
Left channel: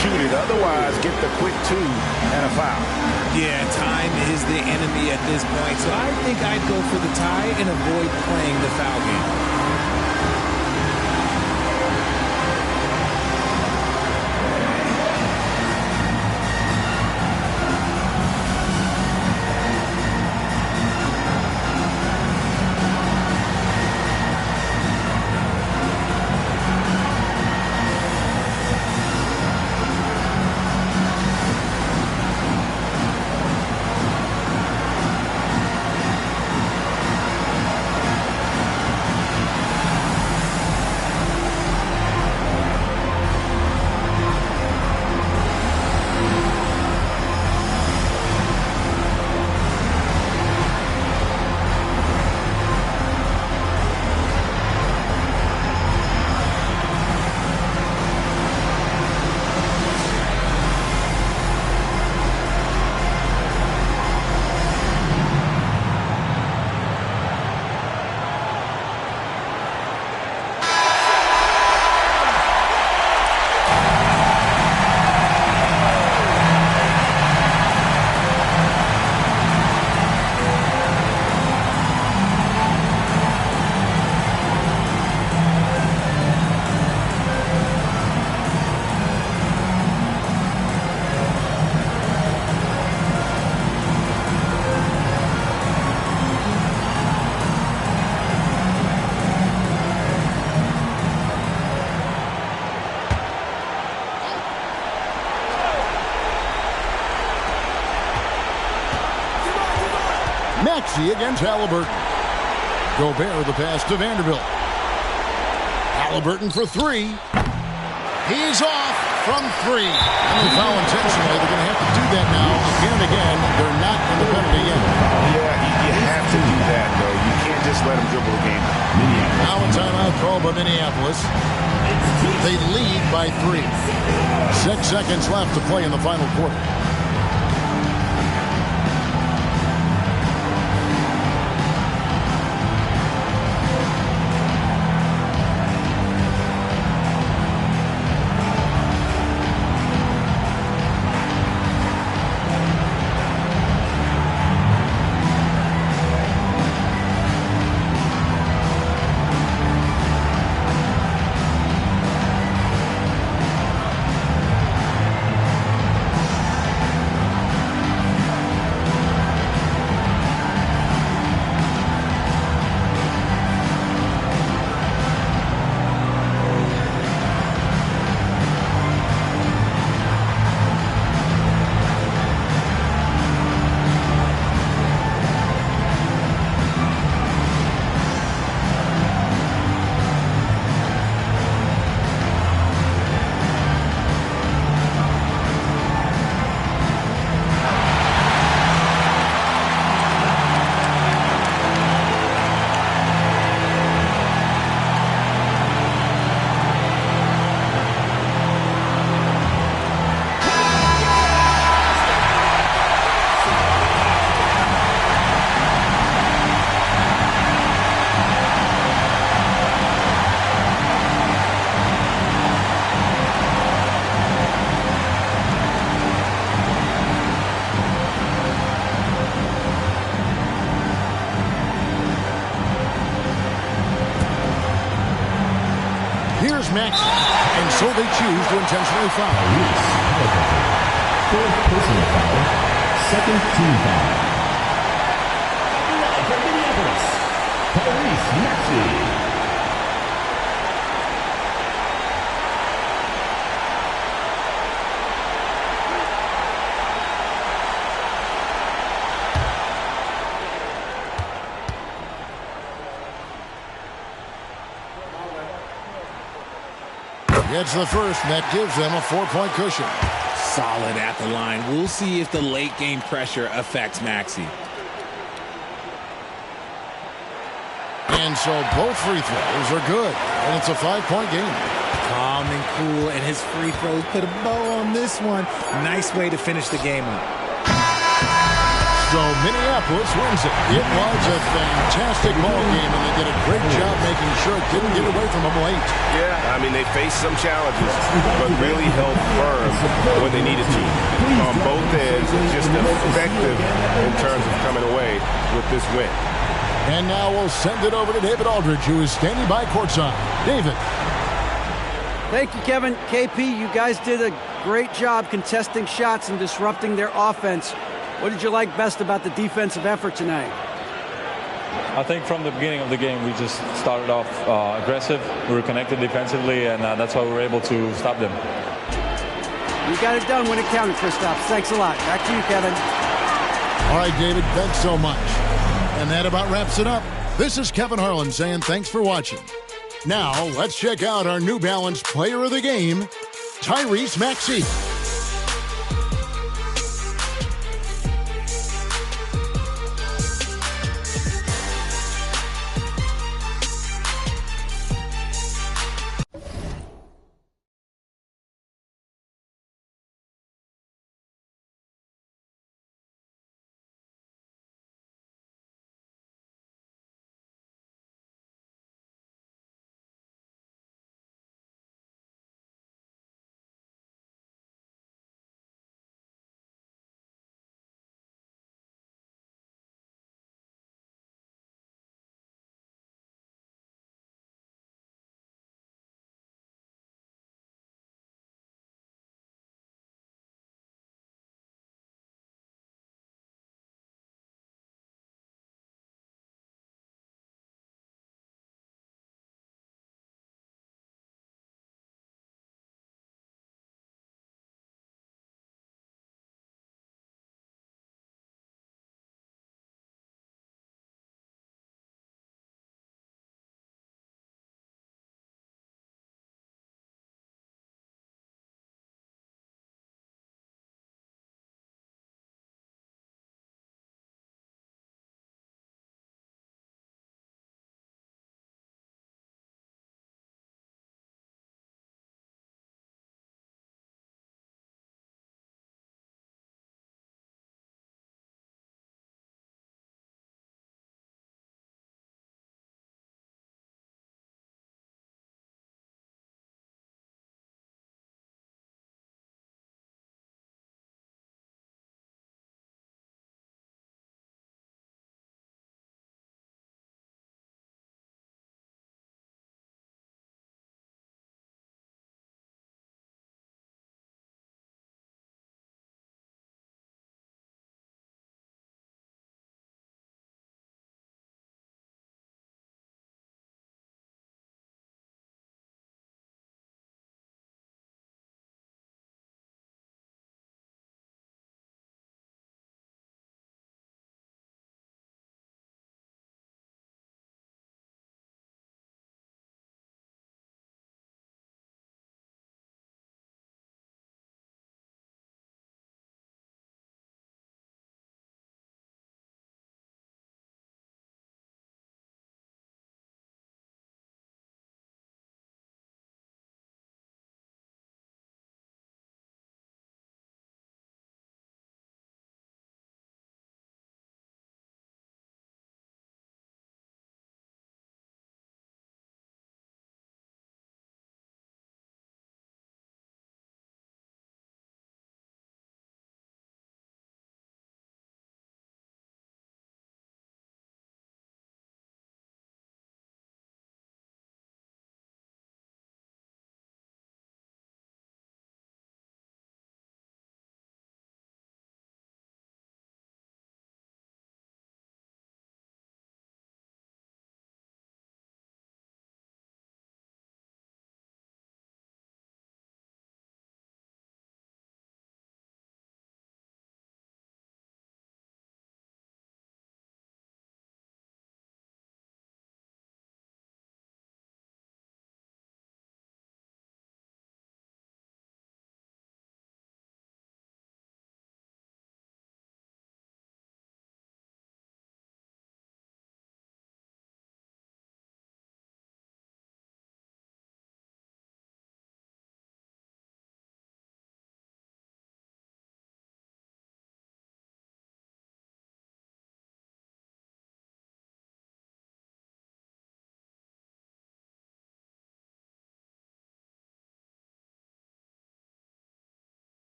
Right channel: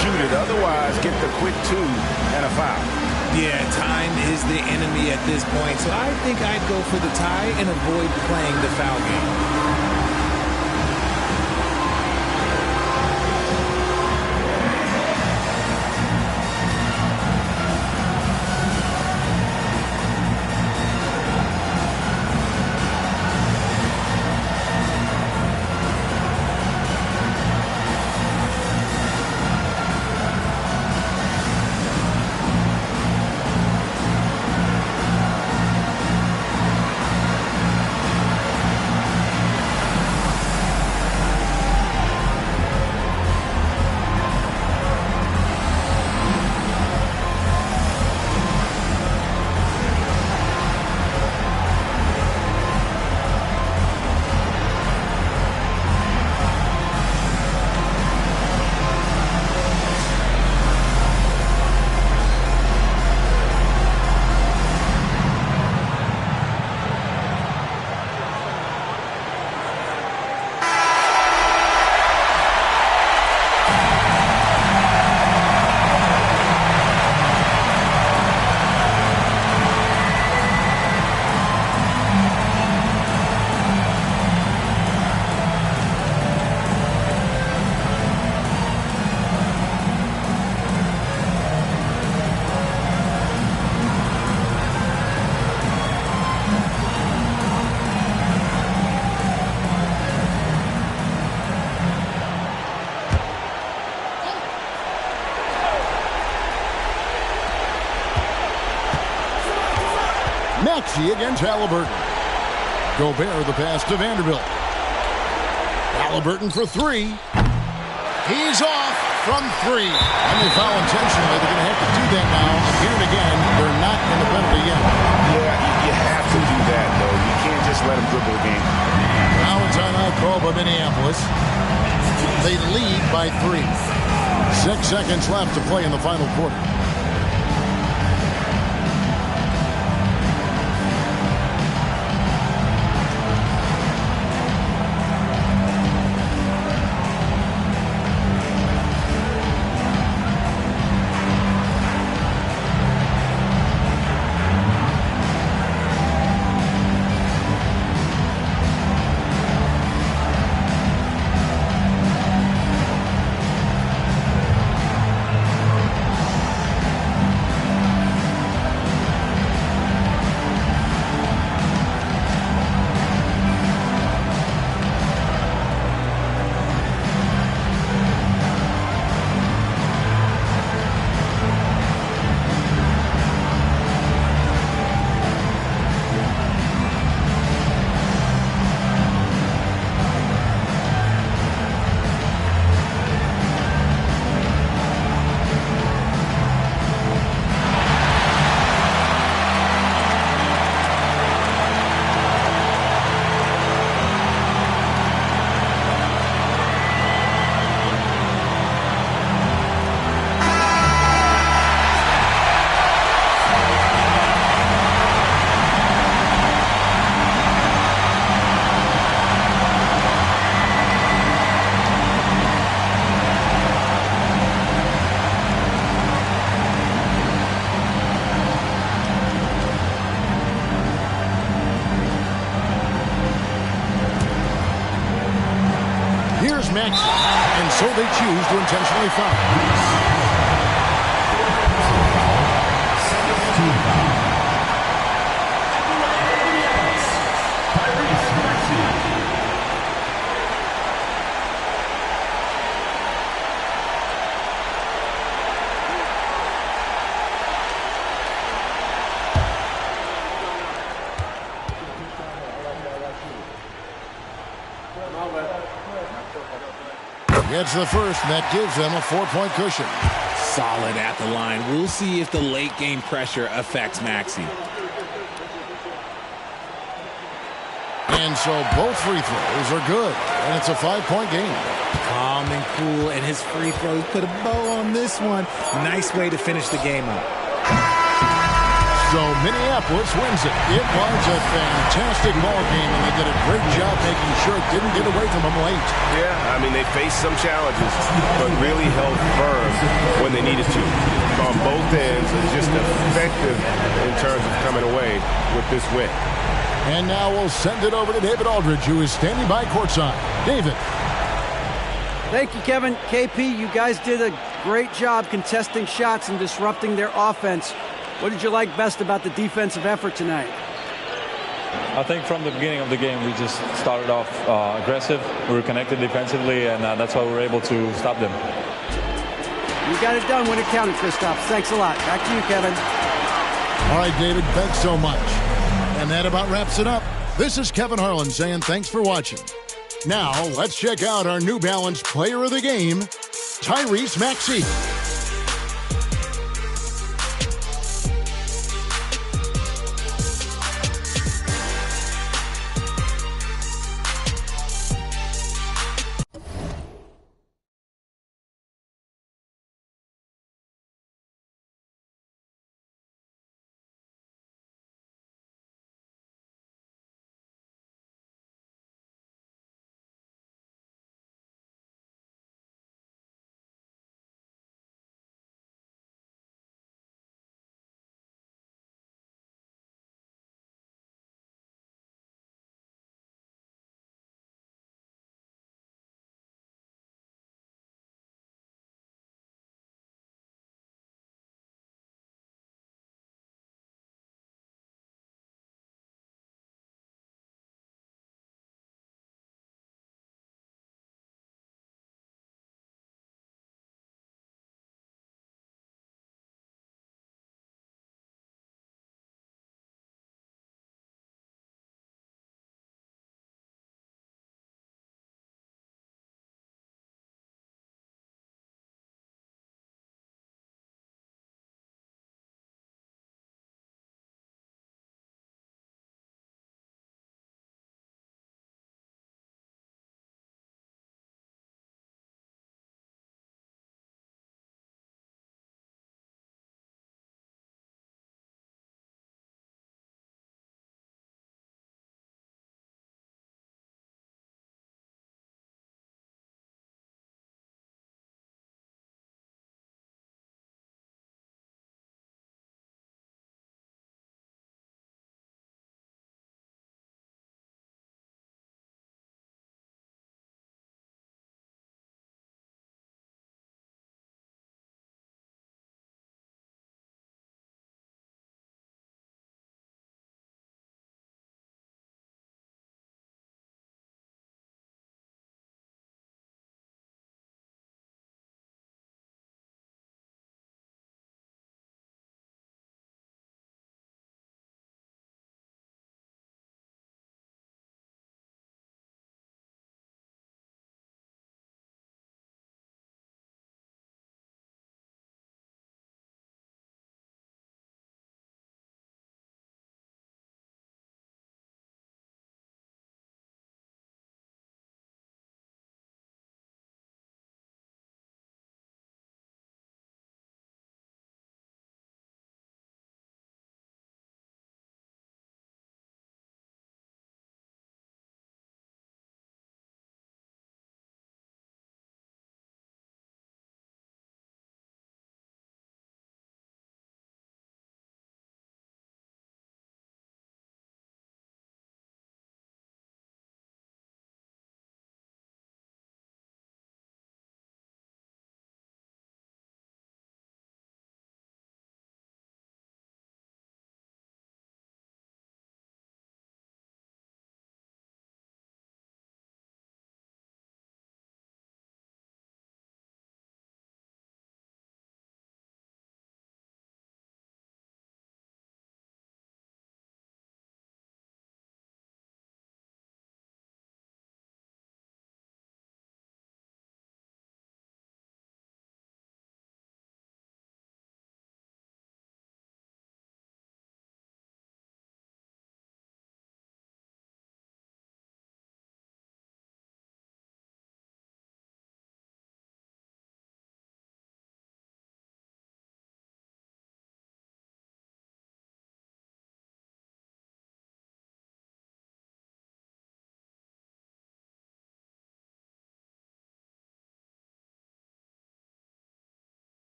shoot it. Otherwise, get the quick 2 and a foul. Yeah, time is the enemy at this point. So I think I'd go for the tie and avoid playing the foul game. Maxey against Halliburton. Gobert the pass to Vanderbilt. Halliburton for 3. He's off from 3. And they foul intentionally. They're going to have to do that now again and again. They're not in the penalty yet. Yeah, you have to do that, though. You can't just let them dribble the game. Now a timeout called by Minneapolis. They lead by 3. 6 seconds left to play in the final quarter. Here's Maxey, and so they choose to intentionally foul. Fourth personal foul, second team foul. At the line for Minneapolis, Tyrese Maxey. Gets the first, and that gives them a 4-point cushion. Solid at the line. We'll see if the late game pressure affects Maxey. And so both free throws are good, and it's a 5-point game. Calm and cool, and his free throws put a bow on this one. Nice way to finish the game up. So Minneapolis wins it. It was a fantastic ball game, and they did a great job making sure it didn't get away from them late. Yeah, I mean, they faced some challenges, but really held firm when they needed to. On both ends, and just effective in terms of coming away with this win. And now we'll send it over to David Aldridge, who is standing by courtside. David. Thank you, Kevin. KP, you guys did a great job contesting shots and disrupting their offense. What did you like best about the defensive effort tonight? I think from the beginning of the game, we just started off aggressive. We were connected defensively, and that's why we were able to stop them. You got it done when it counted, Kristaps. Thanks a lot. Back to you, Kevin. All right, David, thanks so much. And that about wraps it up. This is Kevin Harlan saying thanks for watching. Now, let's check out our New Balance player of the game, Tyrese Maxey.